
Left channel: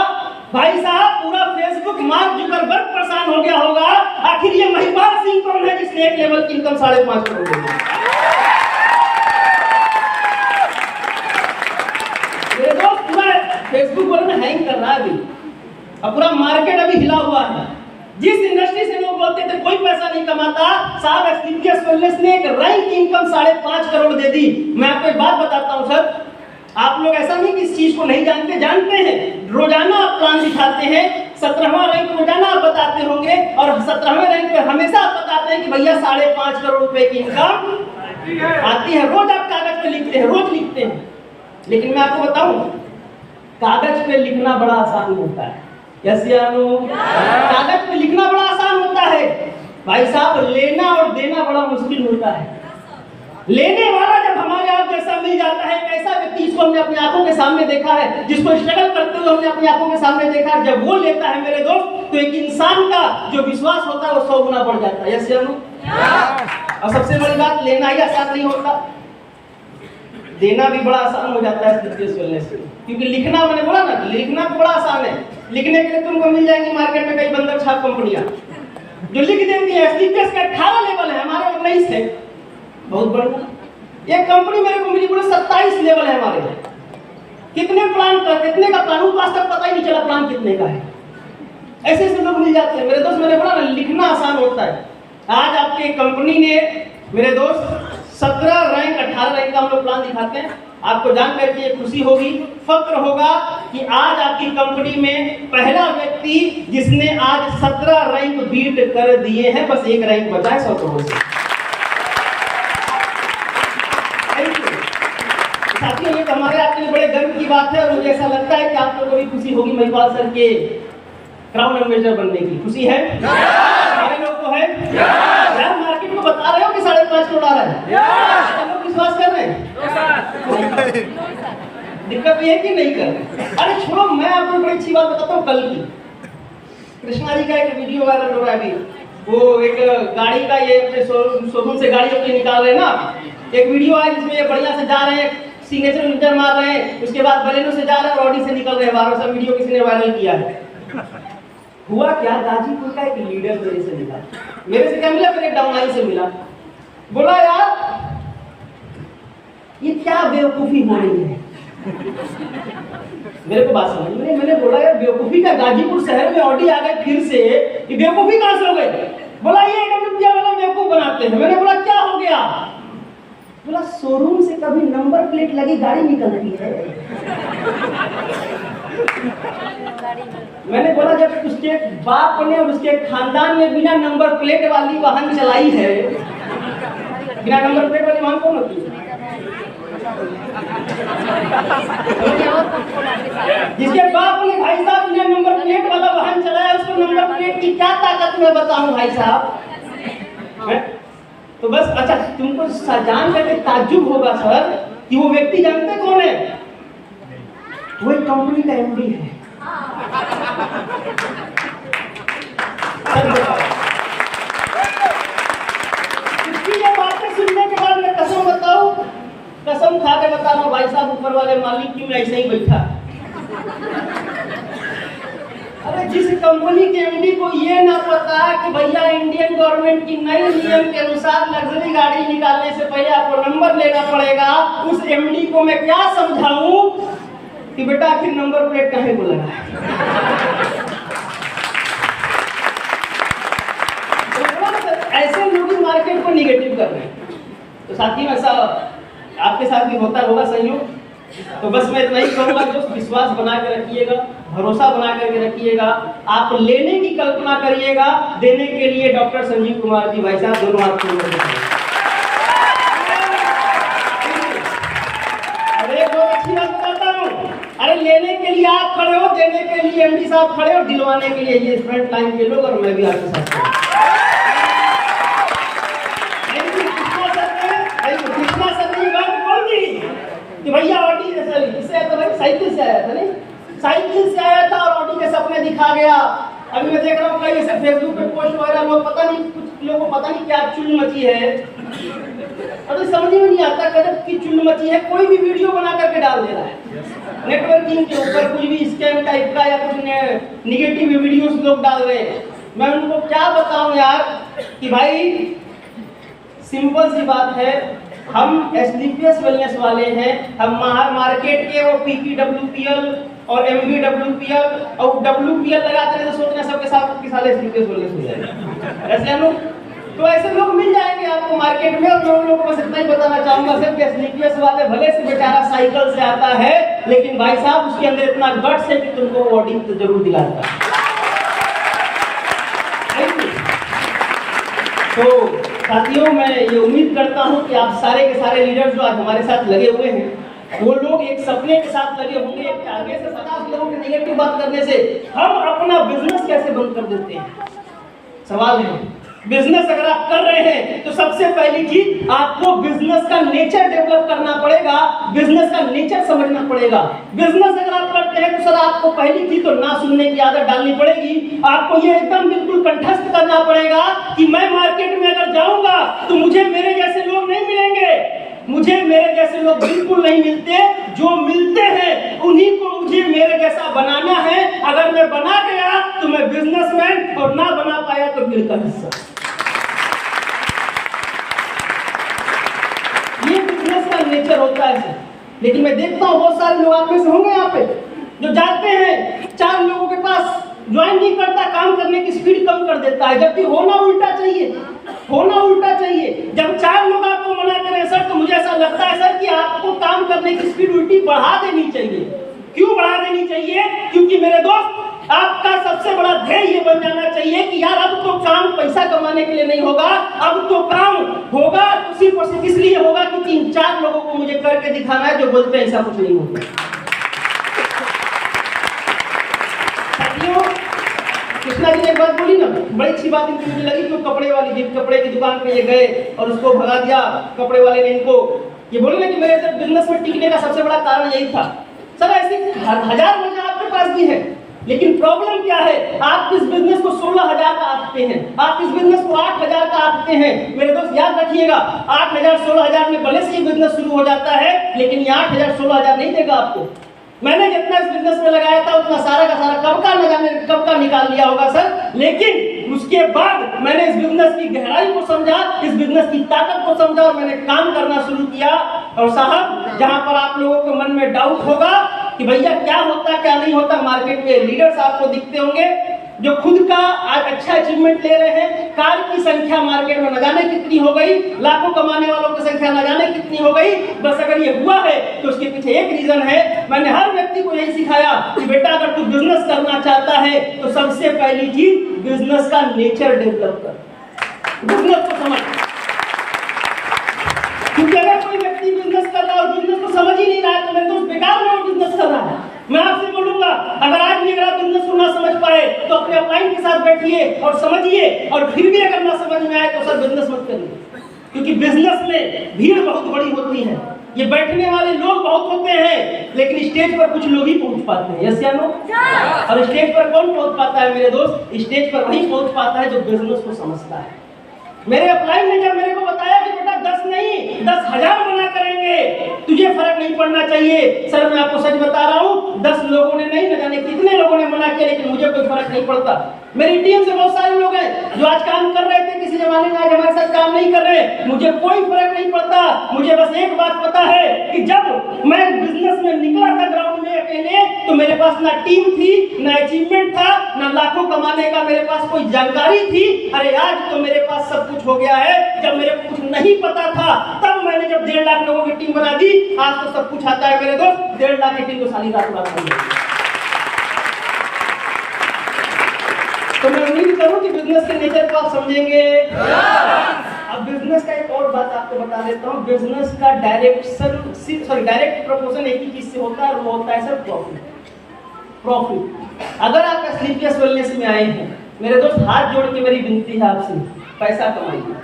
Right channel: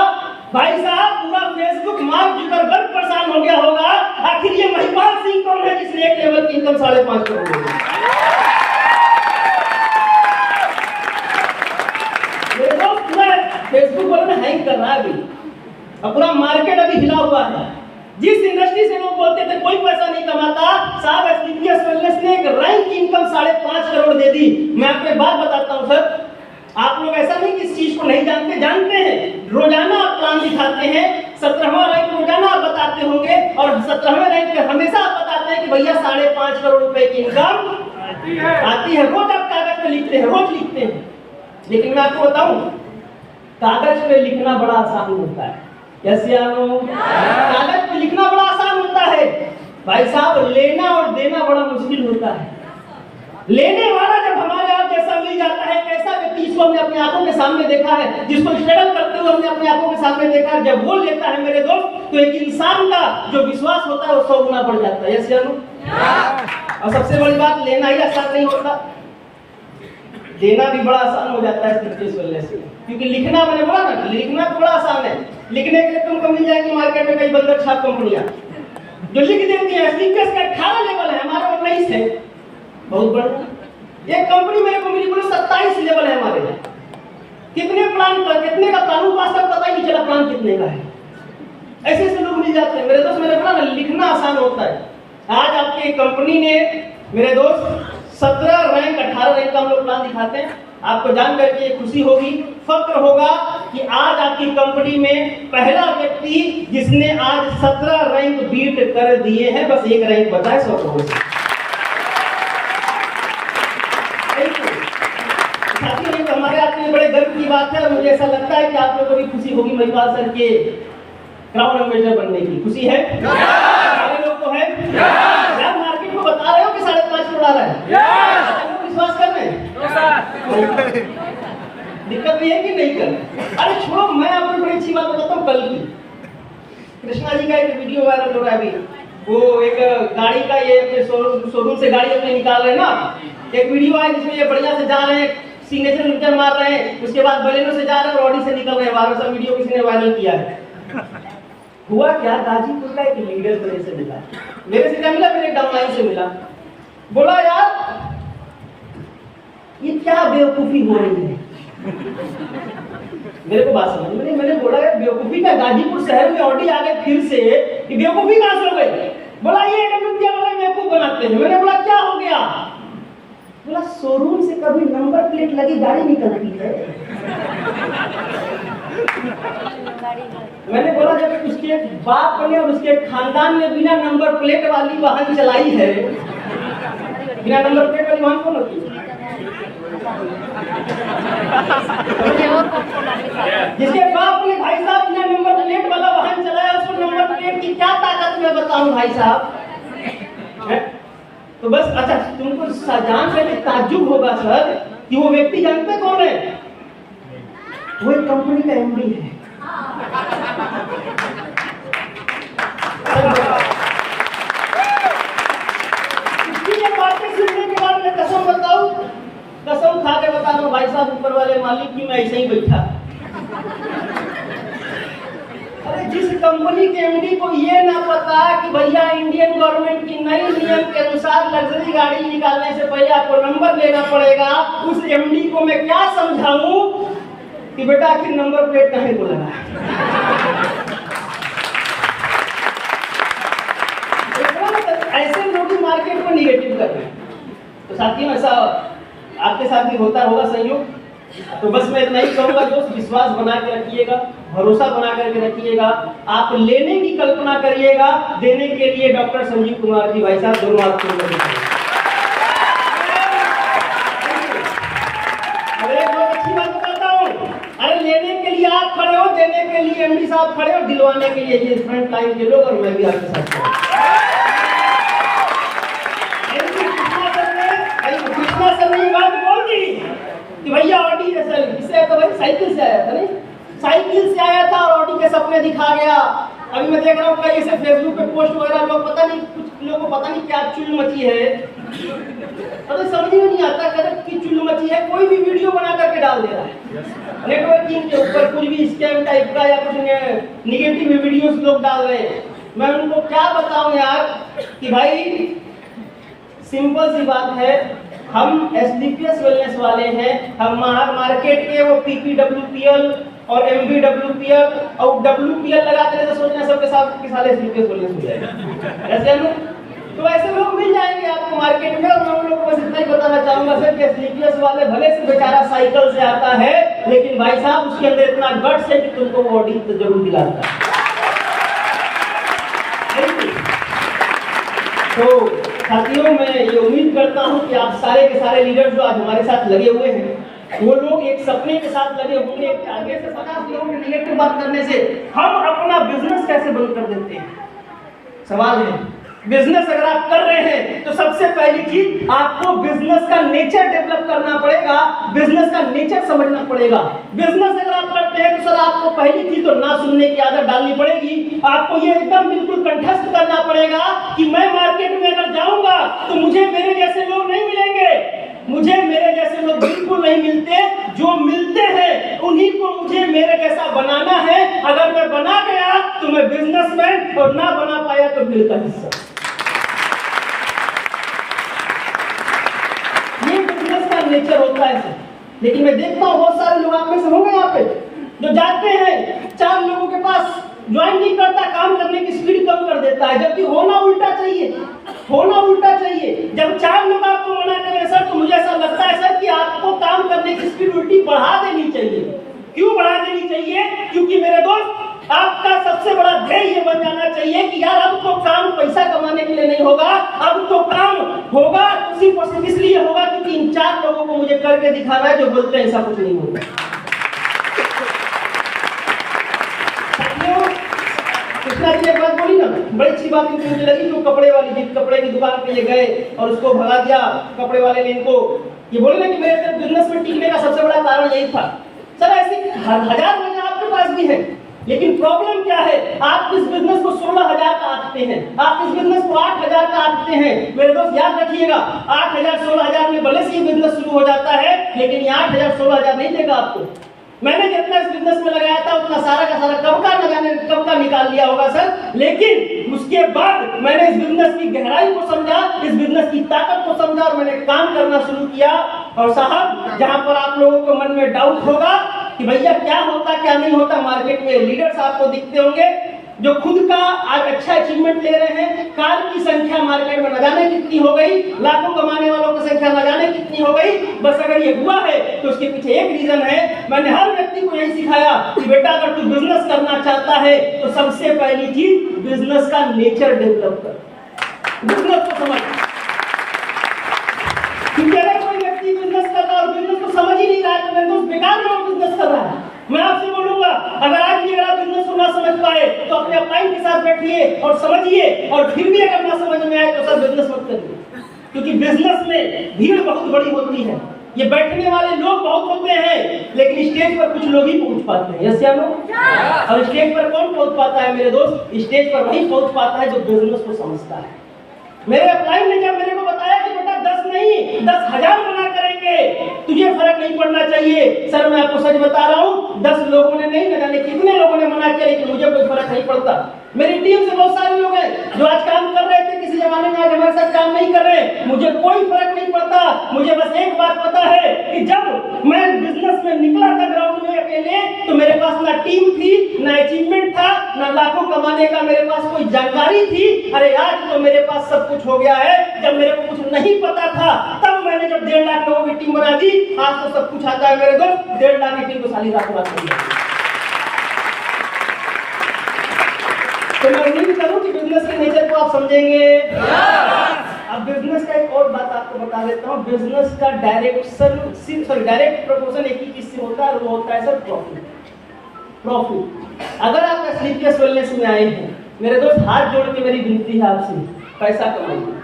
भाई साहब पूरा फेसबुक मार्क जुकरबर्ग परेशान हो गया होगा। आखिर ये महिपाल सिंह कौन है जिसने एक लेवल की इनकम 5.5 करोड़ दी? ये तो पूरा फेसबुक बोले ना हैंग कर रहा है अभी, अब पूरा मार्केट अभी हिला हुआ है। जिस इंडस्ट्री से लोग बोलते थे कोई पैसा नहीं कमाता, साहब एस्थेटिक्स वेलनेस ने एक रैंक की इनकम 5.5 करोड़ दे दी। मैं आपको एक बात बताता हूं सर, आप लोग ऐसा नहीं कि इस चीज को नहीं जानते, जानते हैं। रोजाना आप प्लान दिखाते हैं, 17वां रैंक रोजाना आप बताते होंगे, और 17वें रैंक पे हमेशा आप बताते हैं कि भैया 5.5 करोड़ रुपए की इनकम आती है। रोज आप कागज पे लिखते हैं, रोज लिखते हैं। लेकिन मैं आपको बताऊं, कागज पे लिखना बड़ा आसान होता है। यसियानो, कागज पे लिखना बड़ा आसान होता है भाई साहब, लेना और देना बड़ा मुश्किल होता है। लेने वाला जब हमारे आप जैसा मिल जाता है, ऐसा व्यक्ति जिसको हमने अपनी आंखों के सामने देखा है, जिसको स्ट्रगल करते हुए हमने अपनी आंखों के सामने देखा है, जब वो लेता है मेरे दोस्त, तो एक इंसान का जो विश्वास होता है वो 100 गुना बढ़ जाता है। यस और सबसे बड़ी बात, लेना ही आसान नहीं होता, देना भी बड़ा आसान हो जाता है एस्थेटिक्स वेलनेस से। क्योंकि लिखना, मैंने बोला ना, लिखना तो बड़ा आसान है। लिखने के लिए तुमको मिल जाएगी मार्केट में कई बंदर छाप कंपनियां जो लिख देती है। एस्थेटिक्स का 18 लेवल है, हमारे 19 है, बहुत बड़ा। एक कंपनी मेरे को मिली, पूरे 27 लेवल है हमारे। कितने प्लान का, कितने का प्लान का तक पता ही नहीं चला प्लान कितने का है। ऐसे ऐसे लोग मिल जाते हैं मेरे दोस्त। मैंने बोला ना, लिखना आसान होता है। आज आपके कंपनी ने मेरे दोस्त 17 रैंक 18 रैंक का हम लोग प्लान दिखाते हैं। आपको जान करके ये खुशी होगी, फक्र होगा कि आज आपकी कंपनी में पहला व्यक्ति जिसने आज 17 रैंक बीट कर दिए हैं, बस 1 रैंक बचा है 100 करोड़ से। साथियों, ये हमारे आपके लिए बड़े गर्व की बात है और मुझे ऐसा लगता है कि आप लोगों को भी खुशी होगी महिपाल सर के क्राउन एम्बेसडर बनने की। खुशी है? सारे लोग को है? यार मार्केट में बता रहे हो कि 5.5 करोड़ आ रहा है, लोग विश्वास कर रहे हैं? दिक्कत ये है कि नहीं कर रहे। अरे छोड़ो, मैं आपको बड़ी अच्छी बात बताता हूँ। कल की कृष्णा जी का एक वीडियो वायरल हो रहा है अभी। वो एक गाड़ी का, ये अपने शोरूम से गाड़ी अपनी निकाल रहे हैं ना, एक वीडियो है जिसमें ये बढ़िया से जा रहे हैं, सिग्नेचर मीटर मार रहे हैं, उसके बाद बलेनो से जा रहे हैं और ऑडी से निकल रहे हैं। 1200 वीडियो किसी ने वायरल किया है। हुआ क्या, गाजीपुर का एक लीडर मेरे से मिला, मेरे से क्या मिला, मेरे डाउनलाइन से मिला। बोला यार ये क्या बेवकूफी हो रही है। मेरे को बात समझ में नहीं। मैंने बोला यार बेवकूफी का, गाजीपुर शहर में ऑडी आ गए फिर से, ये बेवकूफी कहां से हो गई? बोला ये रुपया वाले बेवकूफ बनाते हैं। मैंने बोला क्या हो गया? बोला शोरूम से कभी नंबर प्लेट लगी गाड़ी निकलती है। मैंने बोला जब उसके बाप ने और उसके खानदान ने बिना नंबर प्लेट वाली वाहन चलाई है, बिना नंबर प्लेट वाली वाहन कौन होती है? जिसके बाप ने भाई साहब बिना नंबर प्लेट वाला वाहन चलाया, उसको नंबर प्लेट की क्या ताकत मैं बताऊं भाई साहब। तो बस अच्छा, तुमको जान करके ताज्जुब होगा सर कि वो व्यक्ति जानते कौन है? वो एक कंपनी का एमडी है। इसकी ये बातें सुनने के बाद मैं कसम बताऊं, कसम खा के बता रहा हूं भाई साहब, ऊपर वाले मालिक की मैं ऐसे ही बैठा। अरे जिस कंपनी कंपनी के एमडी को ये ना पता कि भैया इंडियन गवर्नमेंट की नई नियम के अनुसार लग्जरी गाड़ी निकालने से पहले आपको नंबर लेना पड़ेगा, उस एमडी को मैं क्या समझाऊं कि बेटा आखिर नंबर प्लेट काहे को लगा है? ऐसे लोग ही मार्केट को निगेटिव कर रहे हैं। तो साथियों ऐसा आपके साथ भी होता होगा संयोग। तो बस मैं इतना ही करूंगा, दोस्त विश्वास बना के रखिएगा, भरोसा बना करके रखिएगा, आप लेने की कल्पना करिएगा, देने के लिए डॉक्टर संजीव कुमार जी भाई साहब दोनों आपको अच्छी बात बताता हूँ। अरे लेने के लिए आप खड़े हो, देने के लिए एमडी साहब खड़े हो, दिलवाने के लिए ये फ्रंट लाइन के लोग और मैं भी आपके साथ हूँ। कृष्णा सर ने बात बोल दी कि भैया ऑडी इससे तो भाई साइकिल से आया था, नहीं साइकिल से आया था और ऑडी के सपने दिखा गया। अभी मैं देख रहा हूँ कई ऐसे फेसबुक पे पोस्ट वगैरह लोग पता नहीं, कुछ लोगों को पता नहीं क्या चुल मची है, और समझ में नहीं आता कदर की चुल मची है, कोई भी वीडियो बना करके डाल दे रहा है नेटवर्किंग के ऊपर, कुछ भी स्कैम टाइप का या कुछ निगेटिव वीडियोस लोग डाल रहे हैं। मैं उनको क्या बताऊं यार कि भाई सिंपल सी बात है, हम एसडीपीएस वेलनेस वाले हैं, हम मार्केट के वो पीपीडब्ल्यूपीएल और एमबीडब्ल्यूपीएल और डब्ल्यूपीएल लगाते हैं तो सोच रहे हैं सबके साथ के सारे एसडीपीएस वेलनेस मिल जाएगा ऐसे हम तो ऐसे लोग मिल जाएंगे आपको मार्केट में। और मैं उन लोगों को बस इतना ही बताना चाहूंगा सर कि एसडीपीएस वाले भले से बेचारा साइकिल से आता है, लेकिन भाई साहब उसके अंदर इतना गट्स है कि तुमको वो ऑडी जरूर दिलाता है। तो साथियों मैं ये उम्मीद करता हूं कि आप सारे के सारे लीडर जो आज हमारे साथ लगे हुए हैं वो लोग एक सपने के साथ लगे होंगे कि आगे से 50 लोगों के निगेटिव बात करने से हम अपना बिजनेस कैसे बंद कर देते हैं। सवाल है, बिजनेस अगर आप कर रहे हैं तो सबसे पहली चीज आपको बिजनेस का नेचर डेवलप करना पड़ेगा, बिजनेस का नेचर समझना पड़ेगा। बिजनेस अगर आप करते हैं तो सर आपको पहली चीज तो ना सुनने की आदत डालनी पड़ेगी। आपको ये एकदम बिल्कुल कंठस्थ करना पड़ेगा कि मैं मार्केट में अगर जाऊंगा तो मुझे मेरे जैसे लोग नहीं मिलेंगे, मुझे मेरे जैसे लोग बिल्कुल नहीं मिलते, जो मिलते हैं उन्हीं को मुझे मेरे जैसा बनाना है। अगर मैं बना गया तो मैं बिजनेसमैन, और ना बना पाया तो बिल का हिस्सा। ये बिजनेस का नेचर होता है सर। लेकिन मैं देखता हूँ बहुत सारे लोग आप में से होंगे यहाँ पे जो जाते हैं 4 लोगों के पास, ज्वाइन नहीं करता, काम करने की स्पीड कम कर देता है, जबकि होना उल्टा चाहिए, होना उल्टा चाहिए। जब 4 लोग आपको मना करें सर तो मुझे ऐसा लगता है सर कि आपको काम करने की स्पीड उल्टी बढ़ा देनी चाहिए। क्यों बढ़ा देनी चाहिए? क्योंकि मेरे दोस्त आपका सबसे बड़ा ध्येय ये बन जाना चाहिए कि यार अब तो काम पैसा कमाने के लिए नहीं होगा, अब तो काम होगा सिर्फ और सिर्फ इसलिए होगा क्योंकि इन 4 लोगों को मुझे करके दिखाना है जो बोलते हैं ऐसा कुछ नहीं होगा। कृष्णा जी ने एक बात बोली ना, बड़ी अच्छी बात मुझे लगी कि वो कपड़े वाली जिस कपड़े की दुकान पे ये गए और उसको भगा दिया कपड़े वाले ने, इनको ये बोले ना कि मेरे जब बिजनेस में टिकने का सबसे बड़ा कारण यही था। सर ऐसी 1000 वजह आपके पास भी है, लेकिन प्रॉब्लम क्या है, आप इस बिजनेस को 16,000 का आंकते हैं, आप इस बिजनेस को 8,000 का आंकते हैं। मेरे दोस्त याद रखिएगा 8,000 16,000 में भले से ही बिजनेस शुरू हो जाता है, लेकिन ये 8,000 16,000 नहीं देगा आपको। मैंने जितना इस बिजनेस में लगाया था उतना सारा का सारा कब का निकाल लिया होगा सर, लेकिन उसके बाद मैंने इस बिजनेस की गहराई को समझा, इस बिजनेस की ताकत को समझा और मैंने काम करना शुरू किया। और साहब जहां पर आप लोगों के मन में डाउट होगा कि भैया क्या होता क्या नहीं होता, मार्केट में लीडर्स आपको दिखते होंगे जो खुद का आज अच्छा अचीवमेंट ले रहे हैं। कार की संख्या मार्केट में न जाने कितनी हो गई, लाखों कमाने वालों की संख्या न जाने कितनी हो गई। बस अगर ये हुआ है तो उसके पीछे एक रीजन है। मैंने हर व्यक्ति को यही सिखाया कि बेटा अगर तू बिजनेस करना चाहता है तो सबसे पहली चीज बिजनेस का नेचर डेवलप कर, बिजनेस को समझ। क्योंकि अगर कोई व्यक्ति बिजनेस कर रहा है और बिजनेस को समझ ही नहीं रहा है तो मेरे दोस्त बेकार में बिजनेस कर रहा है। मैं आपसे बोलूंगा अगर आज भी अगर बिजनेस को ना समझ पाए तो अपने अपलाइन के साथ बैठिए और समझिए, और फिर भी अगर ना समझ में आए तो सर बिजनेस मत करिए। क्योंकि बिजनेस में भीड़ बहुत बड़ी होती है, ये बैठने वाले लोग बहुत होते हैं, लेकिन स्टेज पर कुछ लोग ही पहुंच पाते हैं। यस या नो? और स्टेज पर कौन पहुंच पाता है मेरे दोस्त? स्टेज पर वही पहुंच पाता है जो बिजनेस को समझता है। मेरे अपलाइन ने जब मेरे को बताया कि बेटा 10 नहीं 10,000 बना करेंगे, तुझे फर्क नहीं पड़ना चाहिए। सर मैं आपको सच बता रहा हूँ 10 लोगों ने नहीं, न जाने कितने लोगों ने मना किया, लेकिन मुझे कोई फर्क नहीं पड़ता। मेरी टीम से बहुत सारे लोग हैं जो आज काम कर रहे थे किसी जमाने में, आज हमारे साथ काम नहीं कर रहे। मुझे कोई फर्क नहीं पड़ता, मुझे बस एक बात पता है कि जब मैं बिजनेस में निकला था ग्राउंड में अकेले, तो मेरे पास ना टीम थी, ना अचीवमेंट था, ना लाखों कमाने का मेरे पास कोई जानकारी थी। अरे आज तो मेरे पास सब कुछ हो गया है। जब मेरे को कुछ नहीं पता था तब मैंने जब 1.5 लाख लोगों की टीम बना दी, आज तो सब कुछ आता है मेरे दोस्त। 1.5 लाख की टीम तो साली रात रात बन गई। तो मैं उम्मीद करूं कि बिजनेस के नेचर को आप समझेंगे। अब बिजनेस का एक और बात आपको बता देता हूं। बिजनेस का डायरेक्ट प्रपोर्शन एक ही चीज से होता है, वो होता है सर प्रॉफिट। अगर आप स्लीपियस वेलनेस में आए हैं, मेरे दोस्त हाथ जोड़ के मेरी विनती है आपसे, पैसा कमाइए।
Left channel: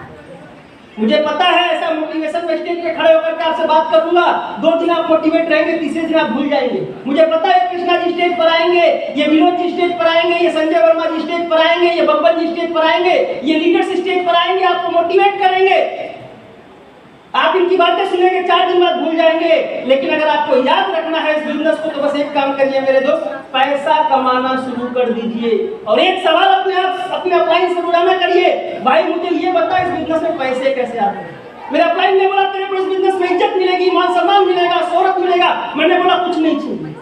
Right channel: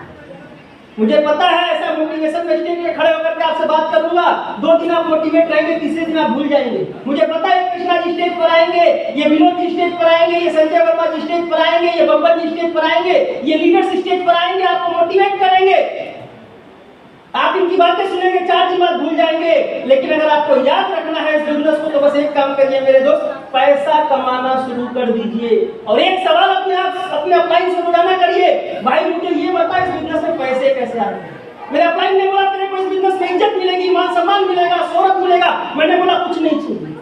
मुझे पता है ऐसा मोटिवेशन में स्टेज पे खड़े होकर के आपसे बात करूंगा, 2 दिन आप मोटिवेट रहेंगे, तीसरे दिन आप भूल जाएंगे। मुझे पता है कृष्णा जी स्टेज पर आएंगे, ये विनोद जी स्टेज पर आएंगे, ये संजय वर्मा जी स्टेज पर आएंगे, ये बब्बर जी स्टेज पर आएंगे, ये लीडर्स स्टेज पर आएंगे, आपको मोटिवेट करेंगे। आप इनकी बातें सुनेंगे, 4 दिन बाद भूल जाएंगे। लेकिन अगर आपको याद रखना है इस बिजनेस को, तो बस एक काम करिए मेरे दोस्त, पैसा कमाना शुरू कर दीजिए। और एक सवाल अपने अपलाइन से रोजाना करिए, भाई मुझे ये बता इस बिजनेस में पैसे कैसे आ रहे हैं। मेरा अपलाइन ने बोला तेरे को इस बिजनेस में इज्जत मिलेगी, मान सम्मान मिलेगा, शोहरत मिलेगा। मैंने बोला कुछ नहीं चाहिए,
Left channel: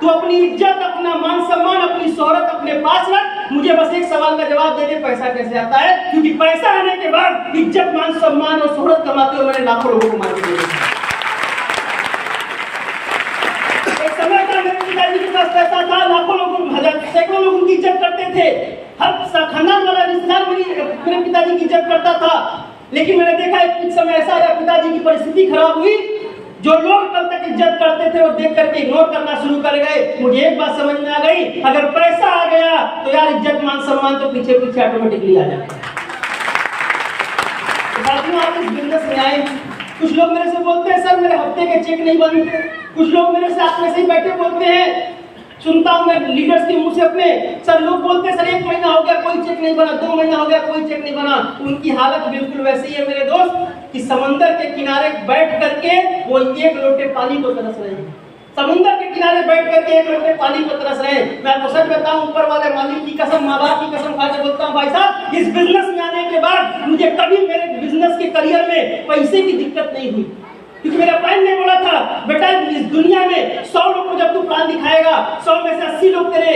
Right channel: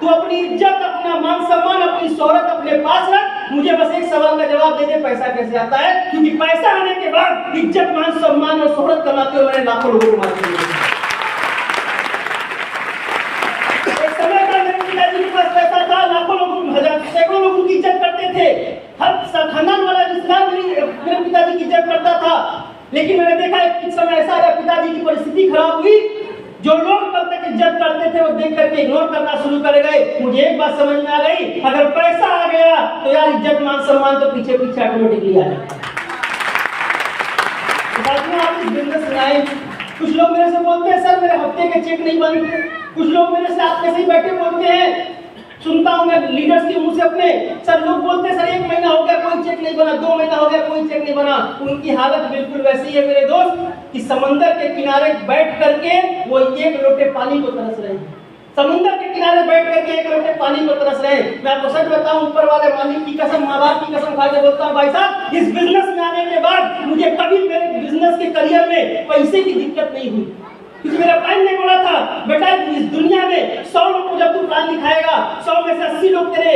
तू अपनी इज्जत, अपना मान सम्मान, अपनी शोहरत अपने पास रख। मुझे बस एक सवाल का जवाब दे दे, पैसा कैसे आता है। क्योंकि पैसा आने के बाद इज्जत, मान सम्मान और शोहरत कमाते हुए मैंने लाखों लोगों को मार दिया। एक समय था मेरे पिताजी के पास पैसा था, लाखों लोगों, सैकड़ों लोगों की इज्जत करते थे। हर खानदान वाला रिश्तेदार मेरे पिताजी की इज्जत करता था। लेकिन मैंने देखा एक समय ऐसा आया, पिताजी की परिस्थिति खराब हुई, जो लोग कल तक इज्जत करते थे वो देख करके इग्नोर करना शुरू कर गए। मुझे एक बात समझ में आ गई, अगर पैसा आ गया तो यार इज्जत, मान सम्मान तो पीछे पीछे ऑटोमेटिकली आ जाता है। आप इस बिजनेस में आए, कुछ लोग मेरे से बोलते हैं सर मेरे हफ्ते के चेक नहीं बनते। कुछ लोग मेरे साथ में से ही बैठे बोलते हैं, सुनता हूं मैं लीडर्स के मुंह से अपने, सर लोग बोलते हैं सर 1 महीना हो गया कोई चेक नहीं बना, 2 महीना हो गया कोई चेक नहीं बना। उनकी हालत बिल्कुल वैसी ही है मेरे दोस्त कि समंदर के किनारे बैठ करके वो 1 लोटे पानी को तरस रहे हैं। समुद्र के किनारे बैठ करके 1 लोटे पानी को तरस रहे हैं। मैं आपको सच बताऊं, ऊपर वाले मालिक की कसम, माँ बाप की कसम खा के बोलता हूं, भाई साहब इस बिजनेस में आने के बाद मुझे कभी मेरे बिजनेस के करियर में पैसे की दिक्कत नहीं हुई। क्योंकि मेरा प्लान ने बोला था, बेटा इस दुनिया में 100 लोग को जब तू प्लान दिखाएगा, 100 में से 80 लोग तेरे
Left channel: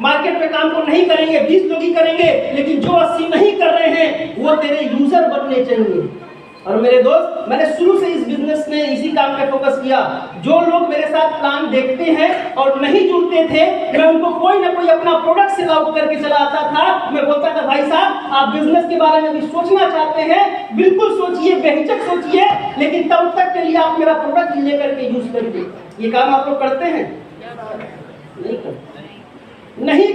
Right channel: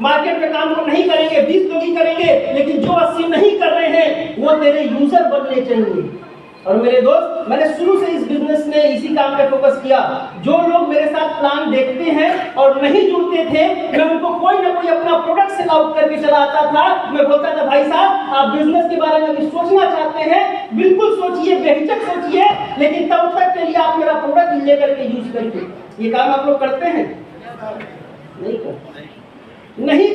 मार्केट में काम को नहीं करेंगे, 20 लोग ही करेंगे। लेकिन जो 80 नहीं कर रहे हैं वो तेरे यूजर बनने चाहिए। और मेरे दोस्त, मैंने शुरू से इस बिजनेस में इसी काम पे फोकस किया। जो लोग मेरे साथ प्लान देखते हैं और नहीं जुड़ते थे, मैं उनको कोई ना कोई अपना प्रोडक्ट सेल आउट करके चलाता था। मैं बोलता था भाई साहब आप बिजनेस के बारे में भी सोचना चाहते हैं, बिल्कुल सोचिए, बेहिचक सोचिए, लेकिन तब तक के लिए आप मेरा प्रोडक्ट लेकर के यूज करिए। ये काम आप लोग करते हैं? नहीं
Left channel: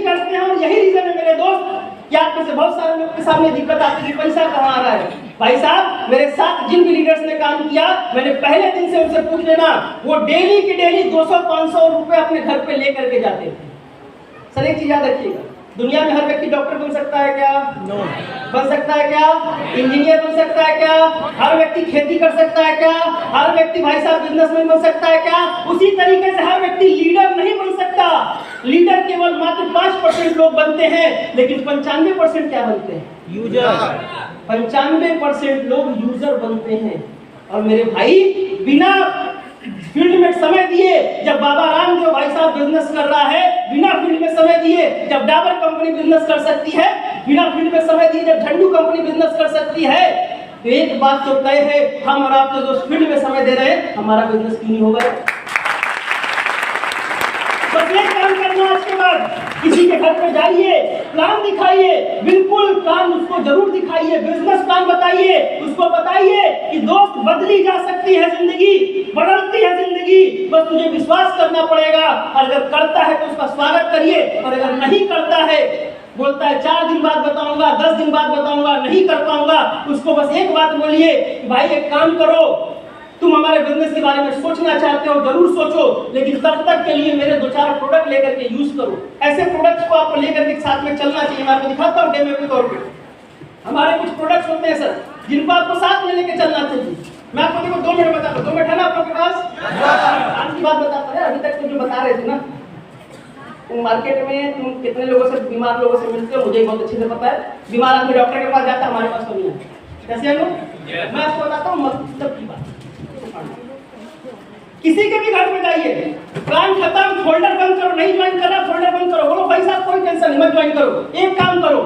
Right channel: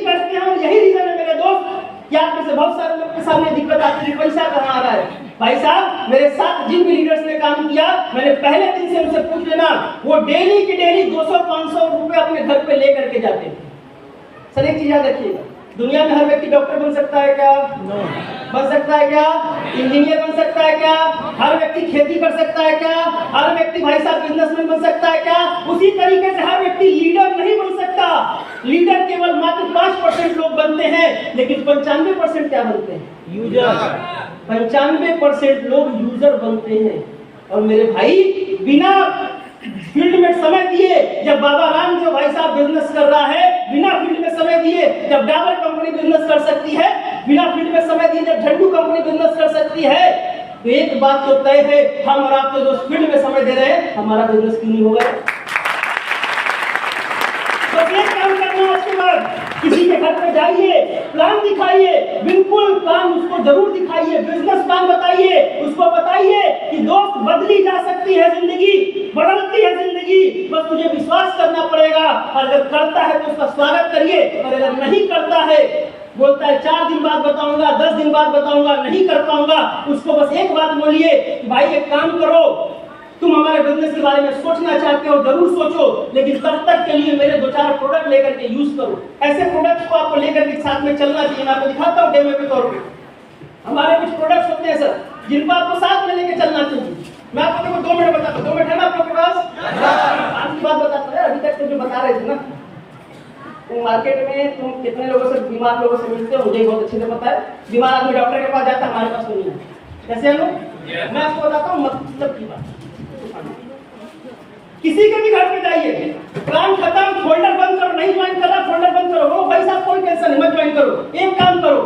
करते हैं। और यही रीजन है मेरे दोस्त कि आप में से बहुत सारे लोग के सामने दिक्कत आती है, पैसा कहाँ आ रहा है। भाई साहब मेरे साथ जिन भी लीडर्स ने काम किया, मैंने पहले दिन से उनसे पूछ लेना, वो डेली की डेली 200-500 रुपए अपने घर पे लेकर के जाते थे। सर एक चीज याद रखिएगा, दुनिया में हर व्यक्ति डॉक्टर बन सकता है क्या? नो। बन सकता है क्या? इंजीनियर बन सकता है क्या? हर व्यक्ति खेती कर सकता है क्या? हर व्यक्ति भाई साहब बिजनेसमैन बन सकता है क्या? उसी तरीके से हर व्यक्ति लीडर नहीं बन सकता। लीडर केवल मात्र 5% लोग बनते हैं, लेकिन 95% क्या बनते हैं? यूजर। 95% लोग यूजर बनते हैं। और मेरे भाई बिना फील्ड में समय दिए, जब बाबा राम जो भाई साहब बिजनेस कर रहा है, बिना फील्ड में समय दिए जब डाबर कंपनी बिजनेस कर सकती है, बिना फील्ड में समय दिए जब झंडू कंपनी बिजनेस कर सकती है, तो एक बात तो तय है, हम और आप तो जो फील्ड में समय दे रहे हैं, हमारा बिजनेस क्यों नहीं होगा? तो एक काम करना, उसके बाद किसी के घर पे जाइए, प्लान दिखाइए, बिल्कुल प्लान उसको जरूर दिखाइए, बिजनेस प्लान बताइए, उसको बताइए कि दोस्त बदली जा सकती है जिंदगी, बदलती है जिंदगी, बस तुझे विश्वास करना पड़ेगा। अगर करता है तो उसका स्वागत करिए, और अगर नहीं करता है, बोलता है 4 दिन बाद बताऊंगा, 10 दिन बाद बताऊंगा, नहीं कर पाऊंगा, उसको बस एक बात बोलिए, भाई एक काम करो, तुम हमारे बिजनेस के बारे में सोचना चाहते हो, जरूर सोचो, लेकिन तब तक के लिए मेरे 2-4 प्रोडक्ट लेकर के यूज करो। ऐसे प्रोडक्ट्स को आपको लेकर के साथ में चलना चाहिए। मैं आपको दिखाता हूँ डेमो के तौर पे। हमारे कुछ प्रोडक्ट्स होते हैं सर, जिनको आपको साथ में लेकर चलना चाहिए। मैं आपको देखो 2 मिनट बताता हूँ, 2 मिनट है ना आप लोगों के पास? आपकी बात बताता है, अभी तक तुम बता रहे थे ना। तुम मार्केट में तुम कितने लोगों से, बीमार लोगों से मिलते हो, मुझे बहुत अच्छे से पता है। बीमार आदमी डॉक्टर के पास जाता है, हमारे पास तो नहीं है। कैसे है लोग? मैं आपको बताता हूँ मतलब की बात। किसी के भी घर में जाइए, प्लान खत्म, फोल्डर बंद करो, नहीं ज्वाइन कर रहा फोल्डर बंद करो, बोलो भाई साहब कोई टेंशन नहीं, मत ज्वाइन करो। एक काम करो,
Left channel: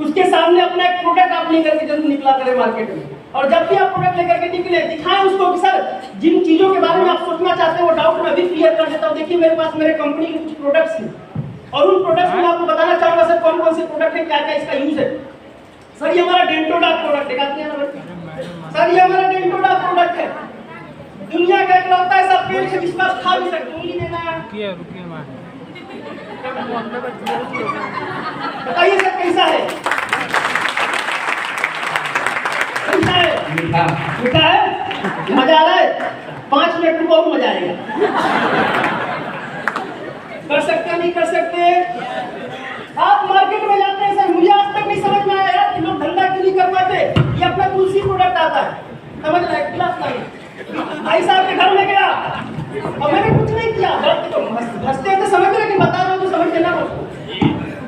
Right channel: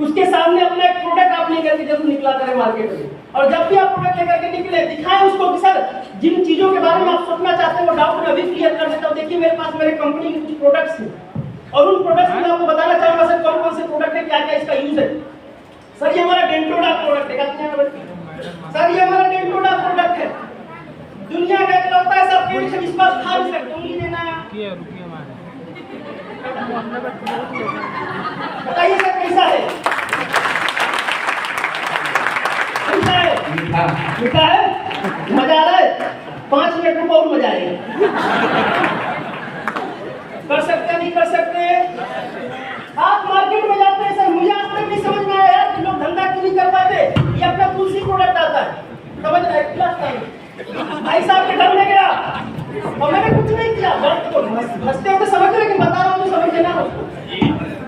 उसके सामने अपना एक प्रोडक्ट आप लेकर के जरूर निकला करें मार्केट में, और जब भी आप प्रोडक्ट लेकर के निकले दिखाएं उसको कि सर जिन चीजों के बारे में आप सोचना चाहते हैं वो डाउट मैं अभी क्लियर कर देता हूँ। देखिए मेरे पास मेरे कंपनी के कुछ प्रोडक्ट्स हैं, और उन प्रोडक्ट्स में आपको बताना चाहूंगा सर कौन कौन से प्रोडक्ट है, क्या क्या इसका यूज है। सर ये हमारा डेंटोडा प्रोडक्ट है, सर ये हमारा डेंटोडा प्रोडक्ट है, दुनिया का इकलौता ऐसा पेड़ है जिसको आप खा भी सकते हो। नहीं देना है, बताइए सर कैसा है? कैसा है? मीठा मीठा है, मजा आ रहा है? 5 मिनट रुको और मजा आएगा। कर सकते नहीं कर सकते? आप मार्केट में जाते हैं सर, मुझे आज तक नहीं समझ में आया कि लोग धंधा क्यों नहीं कर पाते। ये अपना तुलसी प्रोडक्ट आता है, समझ रहे हैं? भाई साहब के घर में गया और मैंने कुछ नहीं किया, हंसते हंसते समझ रहे कि बता रहा हूँ तो समझ लेना।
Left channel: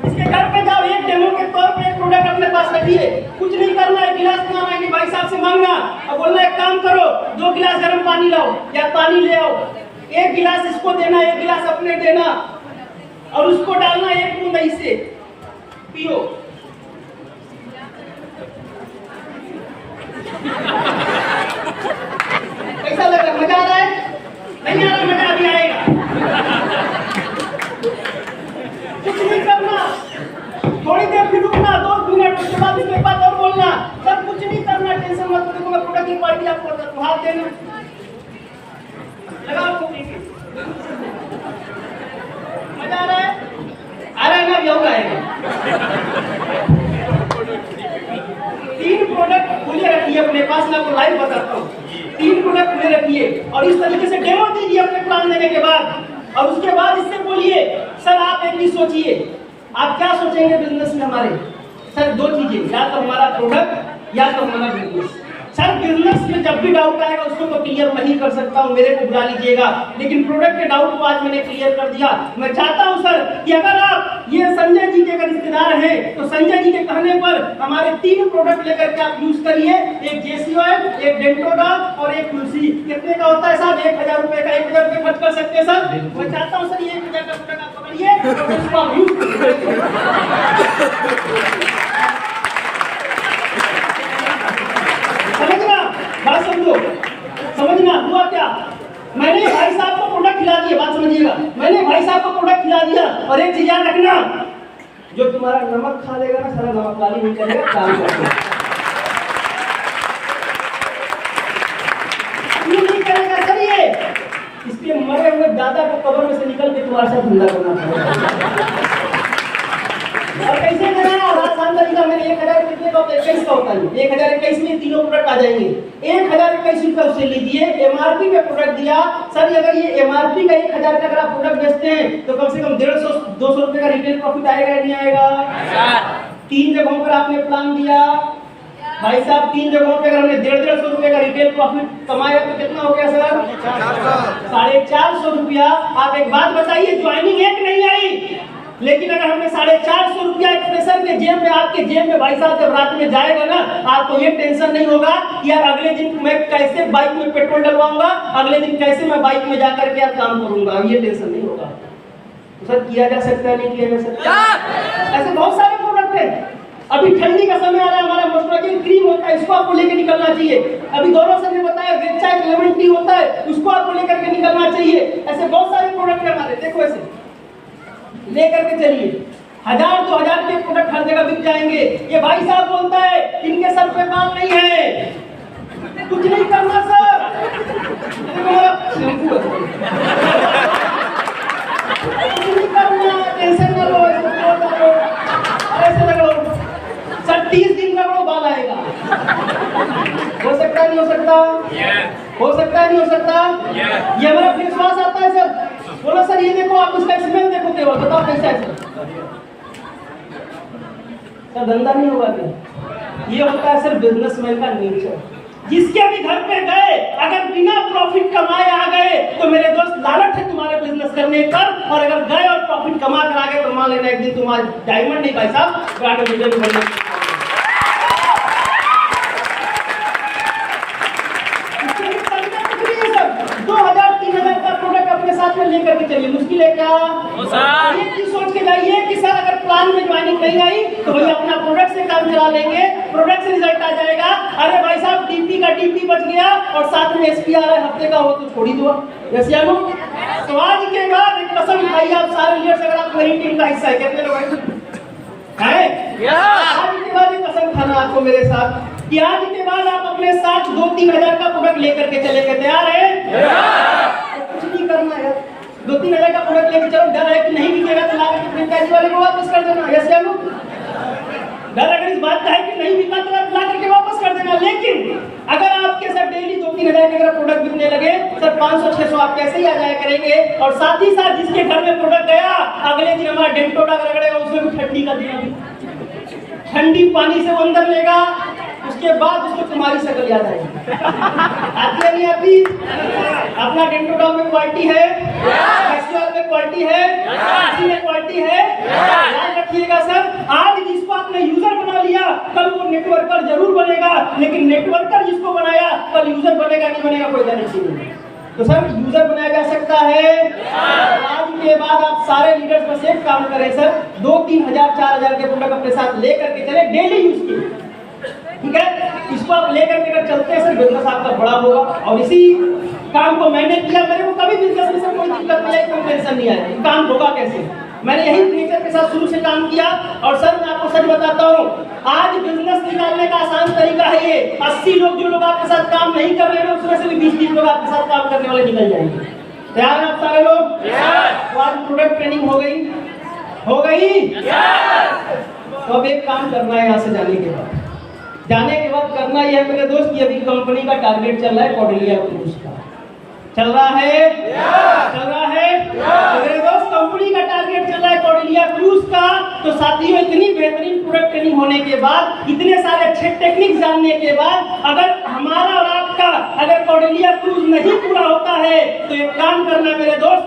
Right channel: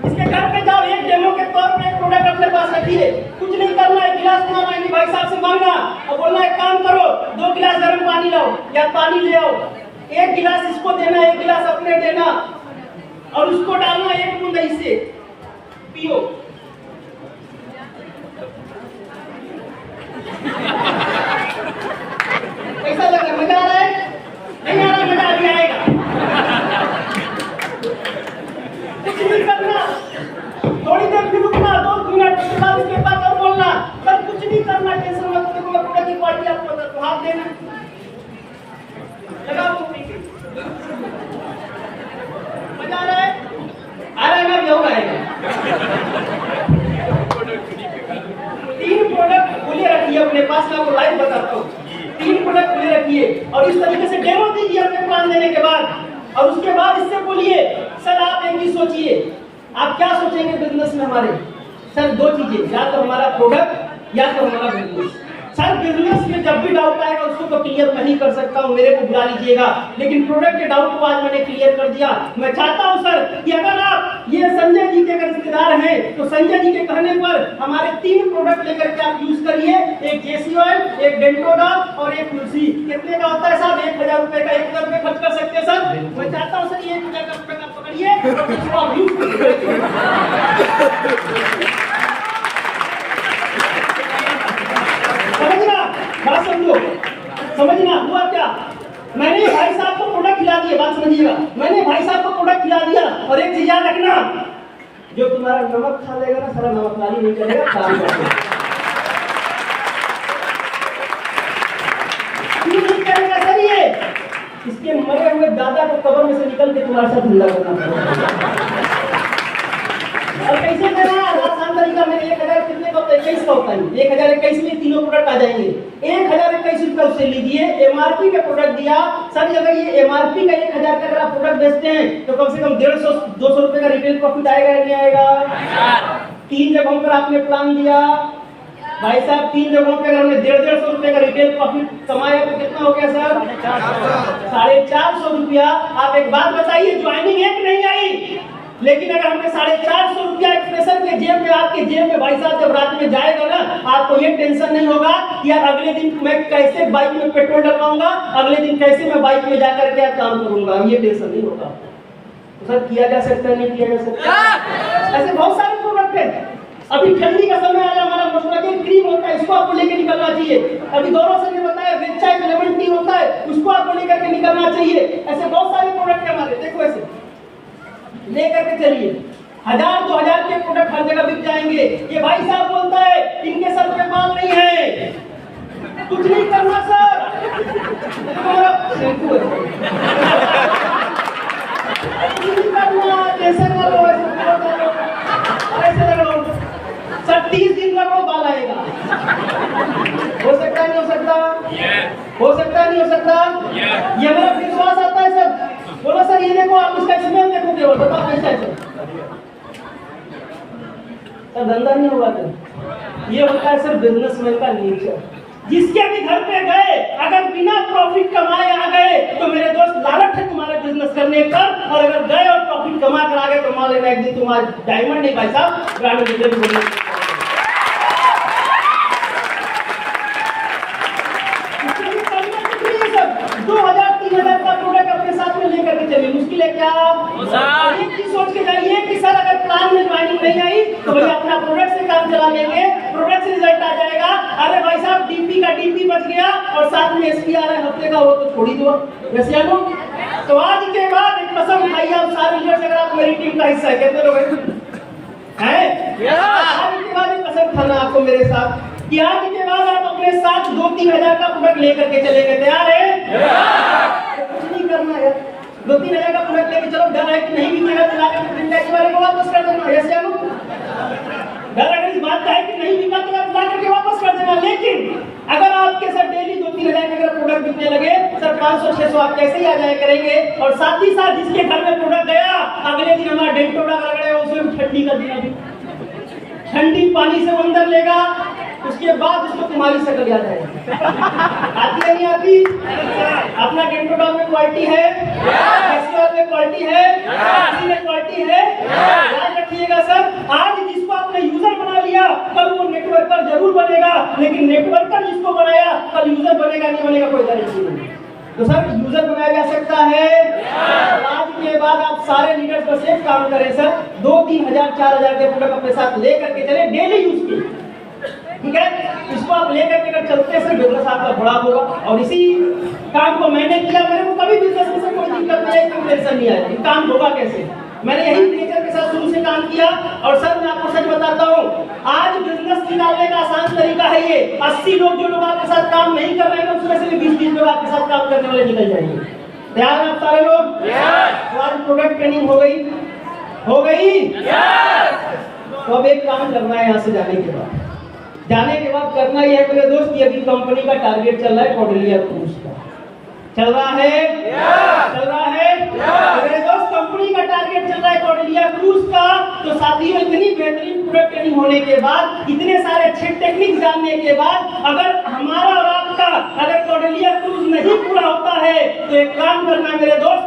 इसके घर पे जाओ, एक डेमो के तौर पर एक प्रोडक्ट अपने पास रखिए, कुछ नहीं करना है, गिलास मंगाना नहीं, भाई साहब से मांगना और बोलना एक काम करो 2 गिलास गर्म पानी लाओ या पानी ले आओ, 1 गिलास इसको देना, 1 गिलास अपने देना, और उसको डालना 1 बूंद इससे पियो। कैसा लग रहा है? मजा आ रहा है? नहीं आ रहा? मजा अभी आएगा। कुछ नहीं करना, थोड़ी देर फिर रुकना, 2 मिनट, उसके बाद इसके बाद और बोलना, तब कुछ नहीं करना, टेंशन मत लो। मैं प्रोडक्ट की क्वालिटी आपको बताता हूँ, हाथ देना, लगाओ टोपी पे। मजा आ रहा है? आ रहा है ना? अभी और आएगा। 3 प्रोडक्ट खुले रखिए अपने पास, मैं आपको लाइव बताता हूँ। 3 प्रोडक्ट खुले रखिए और इस तरीके से डेमो दीजिए अपने प्लान देने के बाद, और उसके बाद इससे बोलिए सर आप एक चीज सोचिए, आप क्या सोचेंगे बिजनेस में हमारे? सर 2 चीजें, या तो हमारा प्रोडक्ट या तो हमारा बिजनेस। सर बिजनेस में जब भी डाउट आएगा उसको तो क्लियर नहीं कर सकता हूँ, मेरे को बुला लीजिएगा, लेकिन प्रोडक्ट के डाउट को आज मैंने क्लियर कर दिया। मैं चाहता हूँ सर कि अगर आप ये संजय जी के अगर रिश्तेदार हैं तो संजय जी के कहने पर हमारे 3 प्रोडक्ट लेकर के आप यूज करिए, एक जेसी ऑयल, एक डेंटोडा और एक तुलसी। कितने का होता है साहब? 1000 रुपए का। 1000 रुपए खर्च कर सकते हैं सर? मैं चाहता हूँ सर 1000 का प्रोडक्ट आप पकड़िए और उसको आप यूज करिए। बात समझना हुआ क्या? मैंने भाई साहब को प्रोडक्ट खिला दिया, बात समझिएगा, मैंने भाई साहब को प्रोडक्ट खिला दिया, और एक चीज याद रखना, जो तुम्हारा नमक खा लेगा ना सारा नमक वाली नहीं चलेगा, काम करेगा। क्यों नहीं करेगा सर? ये इसके मरे हुए दादा को कब्र में से निकल के तुम्हारे साथ धंधा करना पड़ेगा। और कैसे देना? आसान तरीका, मैंने 1000 कितने का होता है? 21 का होता है। 1021 में 3 प्रोडक्ट आ जाएंगे, 1021 रुपए उससे लीजिए, एमआरपी पे प्रोडक्ट दिया। सर अगर ये एमआरपी का 1000 का अगर आप प्रोडक्ट बेचते हैं तो कम से कम 150-200 रुपए का रिटेल प्रॉफिट आएगा या नहीं आएगा? 3 जगहों पर आपने प्लान दिया भाई साहब, 3 जगहों पर अगर हमने 150 रुपए का रिटेल प्रॉफिट कमाया तो कितना हो गया सर? 450 रुपया। आप एक बात बताइए, ज्वाइनिंग एक नहीं आई, लेकिन अगर हमने 450 रुपया एक फ्रेशर के जेब में, आपके जेब में भाई साहब जब रात में जाएगा ना, आपको ये टेंशन नहीं होगा कि यार अगले दिन मैं कैसे बाइक में पेट्रोल डलवाऊंगा, अगले दिन कैसे मैं बाइक में जाकर के काम करूंगा, ये टेंशन नहीं होगा। तो सर किया जा सकता है, नहीं किया जा सकता? ऐसे बहुत सारे प्रोडक्ट है। अभी ठंडी का समय आ रहा है, हमारा मोस्टोजेन क्रीम होता है, इसको आपको लेकर निकलना चाहिए। अभी दोनों से बताया वेच्चा एक लेमन टी होता है, उसको आपको लेकर के निकलना चाहिए। ऐसे बहुत सारे प्रोडक्ट है हमारे, देखो ऐसे लेकर के चलिए, 1000-2000 के प्रोडक्ट हर जगह बिक जाएंगे। ये भाई साहब बोलता है इनके सर पे बाल नहीं है, कुछ नहीं करूंगा सर, ऐसे करो, ऐसे लगो सर, 30 दिन लगो बाल आएगा। हो सकता है नहीं हो सकता? हो सकता है नहीं हो सकता? ये हमारा विश्वास आता है सर। बोलो सर ये देखो, आप उसका स्मेल देखो, केवल बताओ कैसा है सर? धंधा नहीं होगा सर, ये होता है सर बिजनेसमैन का नेचर। जिसके भी घर पे गए अगर बिना प्रॉफिट कमाए आ गए तो मेरे दोस्त लालच है तुम्हारे बिजनेस करने पर, और अगर गए और प्रॉफिट कुछ कमा करा के कमा लेना, एक दिन तुम्हारा डायमंड नहीं भाई साहब, ब्रांड एम्बेसडर भी बनना। 2000-3000 का प्रोडक्ट अपने साथ में लेकर के चलिए, मुश्किल है क्या? एक चीज सोच के जाइए कि सर अगर प्लान में ज्वाइनिंग नहीं आई तो भैया अपना प्रोडक्ट से काम चला लेंगे, प्रोडक्ट से रिजल्ट आ जाएगा। अरे भाई साहब डीपी का डीपी बच गया और साथ में एसपी आ रहा है हफ्ते का, वो तो छोड़ ही दो। रसियानो, तो आज के बाद एक कसम खाइए आप सारे लीडर्स, अगर आप मेरी टीम का हिस्सा है, कितने लोग हैं? आज के बाद एक कसम खाना आपको मेरे साथ कि आज के बाद आप अपने साथ 2-3 हजार का प्रोडक्ट लेकर के चलेंगे, तैयार है? कुछ नहीं करना है, 2-3 हजार का प्रोडक्ट लेकर चलो, डर है कि नहीं बिकेगा तो लाकर फ्रेंचाइजी वाले को वापस कर देना। ऐसे हम डर अगर इस बात का है कि नहीं बिका तो लाकर के वापस कर देना। लेकिन अगर आपके साथ डेली 2-3 हजार के प्रोडक्ट बिकने लगे, सर 500-600 आप कैसे ही आ जाया करेंगे। और साथ ही साथ जिसके घर में प्रोडक्ट गया अगले दिन हमारा डेंटोडा रगड़ेगा, उसमें भी ठंडी कर दिया, ठंडी पानी से वो अंदर लेगा, उसके बाद उसको तुम्हारी शक्ल याद आएगी। आती है नहीं आती? अपना डेंटोडा में क्वालिटी है, एससीआर में क्वालिटी है, एससी में क्वालिटी है, याद रखिएगा सर। आज जिसको आपने यूजर बना लिया कल वो नेटवर्कर जरूर बनेगा, लेकिन नेटवर्कर जिसको बनाया कल यूजर बनेगा नहीं बनेगा कोई गारंटी नहीं। तो सर यूजर बनाया जा सकता है। आज के बाद आप सारे लीडर्स बस एक काम करें सर, 2-3 हजार 4 हजार के प्रोडक्ट अपने साथ लेकर के चले, डेली यूज के, ठीक है? इसको आप लेकर के अगर चलते हैं सर, बिजनेस आपका बड़ा होगा। और इसी काम को मैंने किया, मेरे को कभी बिजनेस में सर कोई दिक्कत नहीं आई, कोई टेंशन नहीं आई, काम होगा कैसे। मैंने यही नेचर के साथ शुरू से काम किया। और सर मैं आपको सच बताता हूँ, आज बिजनेस निकालने का आसान तरीका है ये। 80 लोग जो लोग आपके साथ काम नहीं कर रहे हैं उसमें से भी 20-30 लोग आपके साथ काम करने वाले निकल जाएंगे। तैयार हैं आप सारे लोग? तो आज प्रोडक्ट ट्रेनिंग हो गई, हो गई। तो अब एक काम करना है, यहाँ से जाने के बाद करना ही है मेरे दोस्त, ये अभी कंपनी का टारगेट चल रहा है कॉर्डेलिया क्रूज का, चल रहा है, चल रहा है। तो मेरे दोस्त कंपनी का टारगेट चल रहा है कॉर्डेलिया क्रूज का। तो साथियों इतनी बेहतरीन प्रोडक्ट ट्रेनिंग होने के बाद, इतने सारे अच्छे टेक्निक जानने के बाद, अगर हमारा और आपका अगर कॉर्डेलिया क्रूज नहीं पूरा होता है तो एक काम करना मेरे दोस्त,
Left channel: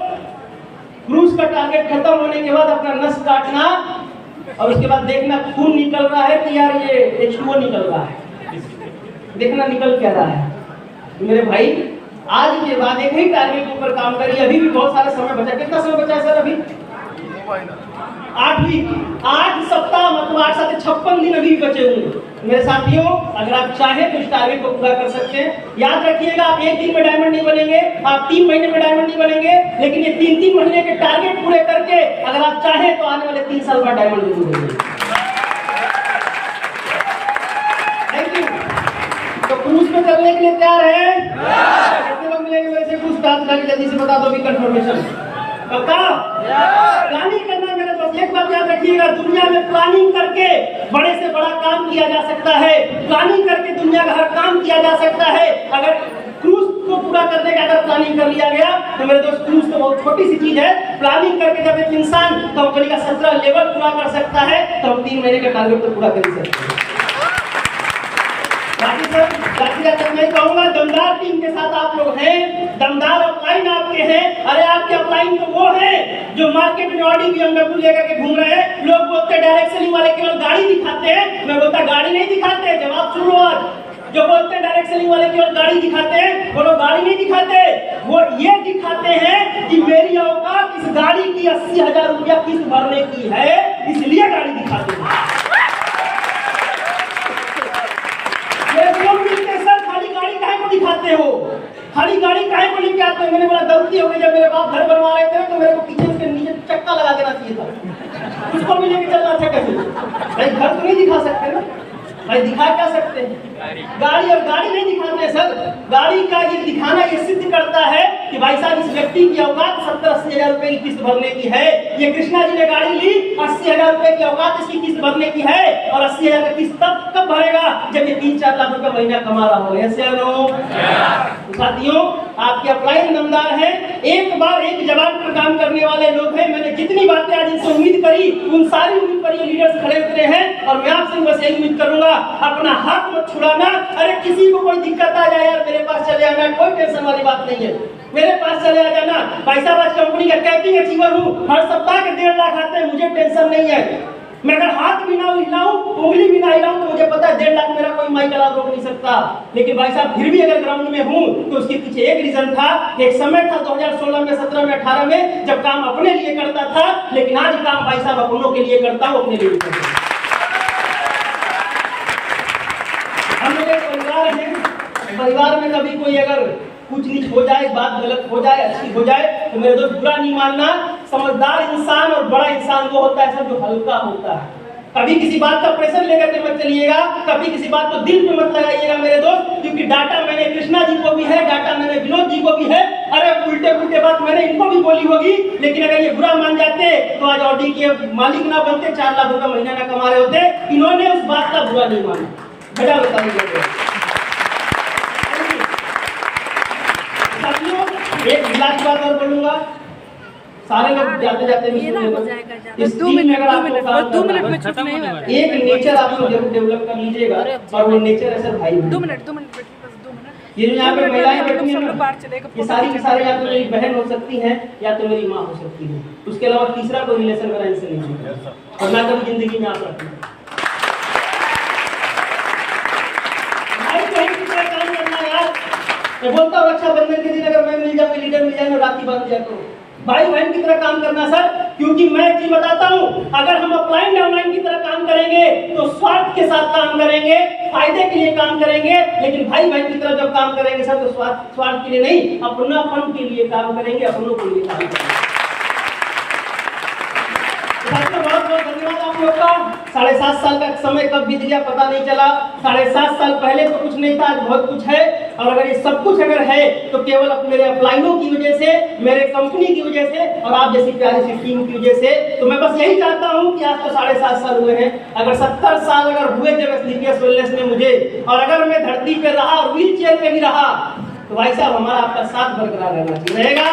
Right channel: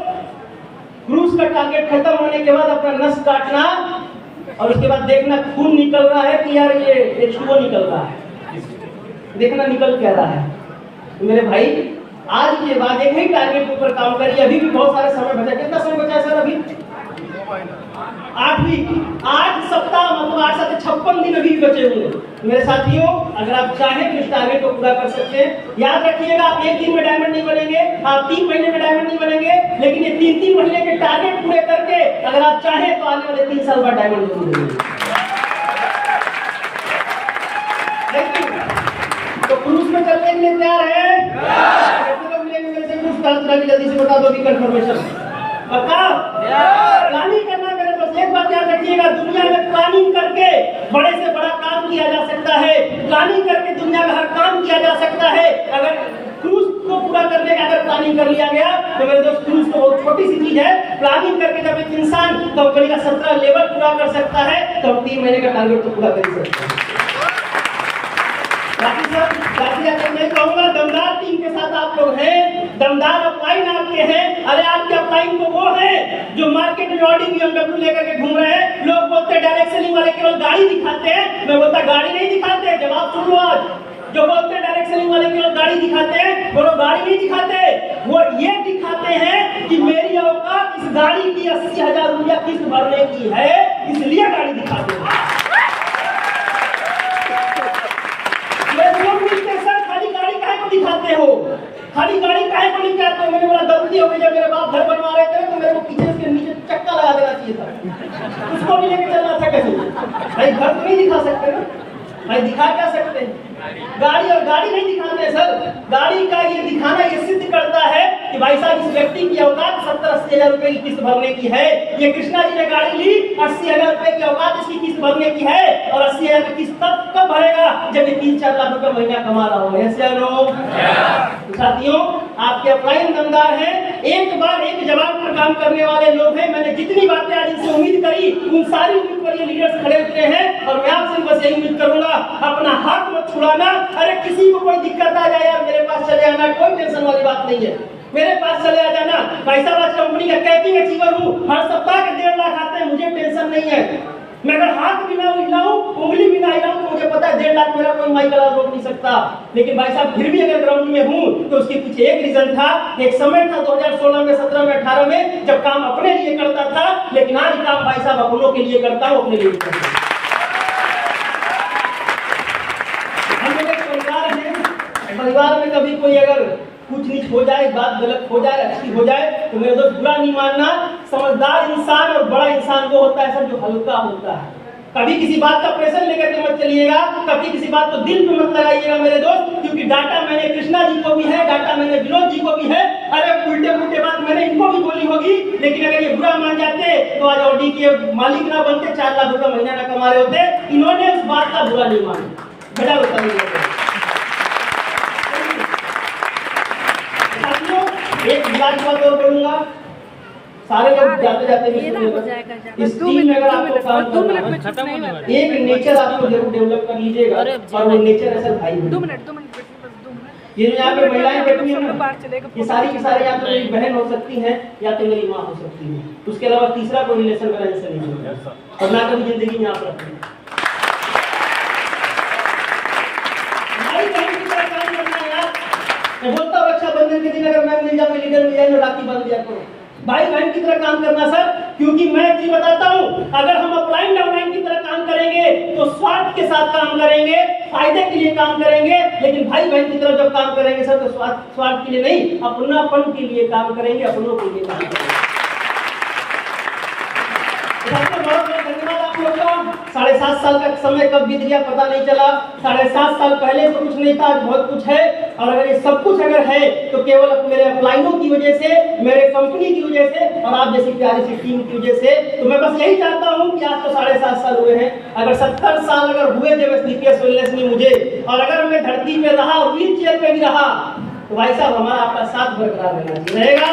क्रूज का टारगेट खत्म होने के बाद अपना नस काटना और उसके बाद देखना खून निकल रहा है कि यार ये H2O निकल रहा है, देखना निकल क्या रहा है। मेरे भाई आज के बाद एक ही टारगेट के ऊपर काम करिए। अभी भी बहुत सारा समय बचा, कितना समय बचा है सर? अभी 8 सप्ताह, मतलब 8 साथ 56 दिन अभी बचे हुए। मेरे साथियों अगर आप चाहें तो इस टारगेट को पूरा कर सकते हैं। याद रखिएगा आप एक दिन में डायमंड नहीं बनेंगे, आप 3 महीने में डायमंड नहीं बनेंगे, लेकिन ये 3-3 महीने के टारगेट पूरे करके अगर आप चाहें तो आने वाले 3 साल बाद डायमंड जरूर बनेंगे। Thank you. तो क्रूज में चलने के लिए तैयार है? कितने लोग मिलेंगे मेरे से क्रूज का? जल्दी से बता दो भी कंफर्मेशन। बताओ प्लानिंग करना मेरे दोस्त। एक बात याद रखिएगा, दुनिया में प्लानिंग करके बड़े से बड़ा काम किया जा सकता है, प्लानिंग करके दुनिया का हर काम किया जा सकता है। अगर क्रूज को पूरा करने का अगर प्लानिंग कर लिया गया तो मेरे दोस्त क्रूज तो बहुत छोटी सी चीज है। प्लानिंग करके जब एक इंसान कंपनी का 17 लेवल पूरा कर सकता है तो हम 3 महीने का टारगेट तो पूरा कर सकते हैं। बाकी सब मैं कहूँगा दमदार टीम के साथ आप लोग हैं, दमदार अपलाइन आपके हैं। अरे आपके अपलाइन तो वो हैं जो मार्केट में ऑडी BMW लेकर के घूम रहे हैं। लोग बोलते हैं डायरेक्ट सेलिंग वाले केवल गाड़ी दिखाते हैं, मैं बोलता गाड़ी नहीं दिखाते। जवाब सुनो आज, जो बोलते हैं डायरेक्ट सेलिंग वाले केवल गाड़ी दिखाते हैं, वो लोग गाड़ी नहीं दिखाते, वो ये दिखाते हैं कि मेरी औकात इस गाड़ी की 80,000 रुपया किस्त भरने की है, इसलिए गाड़ी दिखाते हैं। दिखाते हो खाली गाड़ी काहे को लेके आते हो? मैंने बोला गलती हो गई, जब मेरे बाप घर बनवा रहे थे तो मेरे को पीछे उसके नीचे चक्का लगा देना चाहिए था, उसको भी लेके चलना था। कैसे भाई घर तो नहीं दिखा सकते ना भाई, दिखा क्या सकते हैं? गाड़ी और गाड़ी नहीं दिखाते सर। गाड़ी का ये दिखाना ये सिद्ध करता है कि भाई साहब इस व्यक्ति की औकात 70-80 हजार रुपए की किस्त भरने की है। ये कृष्णा जी ने गाड़ी ली, 80,000 रुपए की औकात इसकी किस्त भरने की है। और 80,000 की किस्त तब कब भरेगा जब ये 3-4 लाख रुपए महीना कमा रहा हो। ऐसे लोग साथियों आपके अपलाइन दमदार है, एक बार एक जवाब पर काम करने वाले लोग हैं। मैंने जितनी बातें आज इनसे उम्मीद करी उन सारी उम्मीद पर ये लीडर्स खड़े उतरे हैं। और मैं आपसे बस यही उम्मीद करूंगा, अपना हाथ मत छुड़ाना। अरे किसी को कोई दिक्कत आ जाए यार मेरे पास चले आना, कोई टेंशन वाली बात नहीं है। मेरे पास चले आ जाना। भाई साहब आज कंपनी का कैपिंग अचीवर हूँ, हर सप्ताह के 1.5 लाख आते हैं, मुझे टेंशन नहीं है। मैं अगर हाथ भी ना हिलाऊं, उंगली भी ना हिलाऊं तो मुझे पता है 1.5 लाख मेरा कोई माइक अलाव रोक नहीं सकता। लेकिन भाई साहब फिर भी अगर ग्राउंड में हूं तो उसके पीछे एक रीजन था, एक समय था 2016 में, 17 में, 18 में, जब काम अपने लिए करता था। लेकिन आज काम भाई साहब अपनों के लिए करता हूं, अपने लिए करता हूं। हम लोग एक परिवार हैं, परिवार में कभी कोई अगर कुछ नीच हो जाए, बात गलत हो जाए, अच्छी हो जाए तो मेरे दोस्त बुरा नहीं मानना। समझदार इंसान और बड़ा इंसान वो होता है सर जो हल्का होता है। कभी किसी बात का प्रेशर लेकर के मत चलिएगा, कभी किसी बात को दिल पे मत लगाइएगा मेरे दोस्त, क्योंकि डाटा मैंने कृष्णा जी को भी है, डाटा मैंने विनोद जी को भी है। अरे उल्टे पुल्टे बात मैंने इनको भी बोली होगी, लेकिन अगर ये बुरा मान जाते तो आज ऑडी के मालिक ना बनते, 4 लाख रुपए महीना ना कमा रहे होते। इन्होंने उस बात का बुरा नहीं माना। बेटा बताइए एक गिला की बात और करूंगा, सारे लोग जाते जाते इस टीम में अगर आपको काम करना है, एक नेचर आप लोग जरूर डेवलप कर लीजिएगा, और वो नेचर है सर भाई। 2 मिनट ये जो यहाँ पे महिलाएं बैठी हैं, ये सारी की सारी या तो मेरी बहन हो सकती हैं या तो मेरी माँ हो सकती है। उसके अलावा तीसरा कोई रिलेशन मेरा इनसे नहीं होता, और ना कभी जिंदगी में आप रखते हैं। मैं बोलता हूँ रक्षाबंधन के दिन अगर मैं मिल जाऊँ, लीडर मिल जाए, मैं राखी बांध दिया करूँ। भाई बहन की तरह काम करना सर, क्योंकि मैं एक चीज बताता हूँ, अगर हम अपलाइन डाउनलाइन की तरह काम करेंगे तो स्वार्थ के साथ काम करेंगे, फायदे के लिए काम करेंगे। लेकिन भाई बहन की तरह जब काम करेंगे सर तो स्वार्थ के लिए नहीं, अपनापन के लिए काम करेंगे, अपनों के लिए काम करेंगे। बहुत बहुत धन्यवाद आप लोग का। 7.5 साल का समय कब बीत गया पता नहीं चला। 7.5 साल पहले तो कुछ नहीं था, आज बहुत कुछ है। और अगर ये सब कुछ अगर है तो केवल मेरे अपलाइनों की वजह से, मेरे कंपनी की वजह से और आप जैसी प्यारी सी टीम की वजह से। तो मैं बस यही चाहता हूँ कि आज तो 7.5 साल हुए हैं, अगर 70 साल अगर हुए जब स्लीपियस वेलनेस में मुझे, और अगर मैं धरती पे रहा और व्हील चेयर पे भी रहा, तो भाई साहब हमारा आपका साथ बरकरार रहना चाहिए। रहेगा?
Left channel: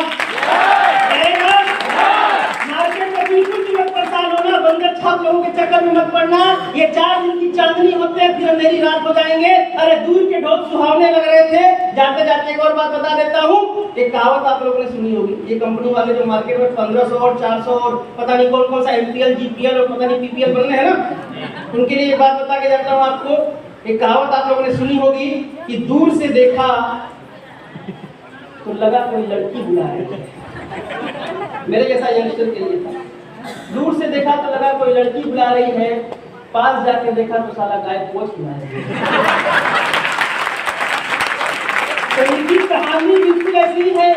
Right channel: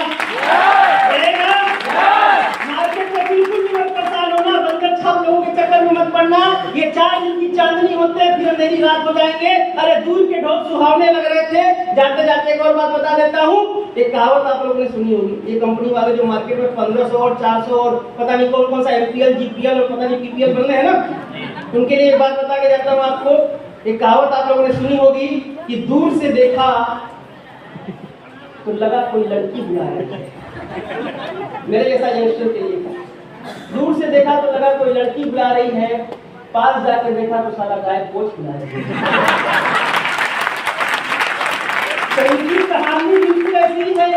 मार्केट में बिल्कुल मत परेशान होना, बंदर छाप लोगों के चक्कर में मत पड़ना। ये 4 दिन की चांदनी होते हैं, फिर अंधेरी रात हो जाएंगे। अरे दूर के ढोल सुहावने लग रहे थे। जाते जाते एक और बात बता देता हूँ, एक कहावत आप लोगों ने सुनी होगी। ये कंपनी वाले जो मार्केट में 1500 और 400 और पता नहीं कौन कौन सा MPL, GPL और पता नहीं PPL बन रहे हैं ना, उनके लिए एक बात बता के जाता हूँ आपको। एक कहावत आप लोगों ने सुनी होगी कि दूर से देखा तो लगा कोई लड़की बुला है। मेरे जैसा यंगस्टर के लिए था। दूर से देखा तो लगा कोई लड़की बुला रही है, पास जाके देखा तो साला गायब कोच बुला रही है। तो इनकी कहानी बिल्कुल ऐसी है।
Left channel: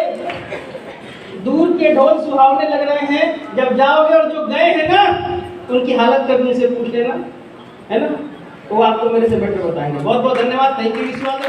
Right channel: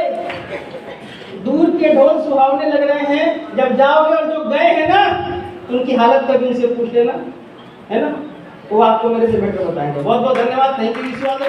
दूर के ढोल सुहावने लग रहे हैं, जब जाओगे और जो गए हैं ना तो उनकी हालत कभी उनसे पूछ लेना, है ना, तो आपको मेरे से बेटर बताएंगे। बहुत बहुत धन्यवाद। Thank you. विश्वास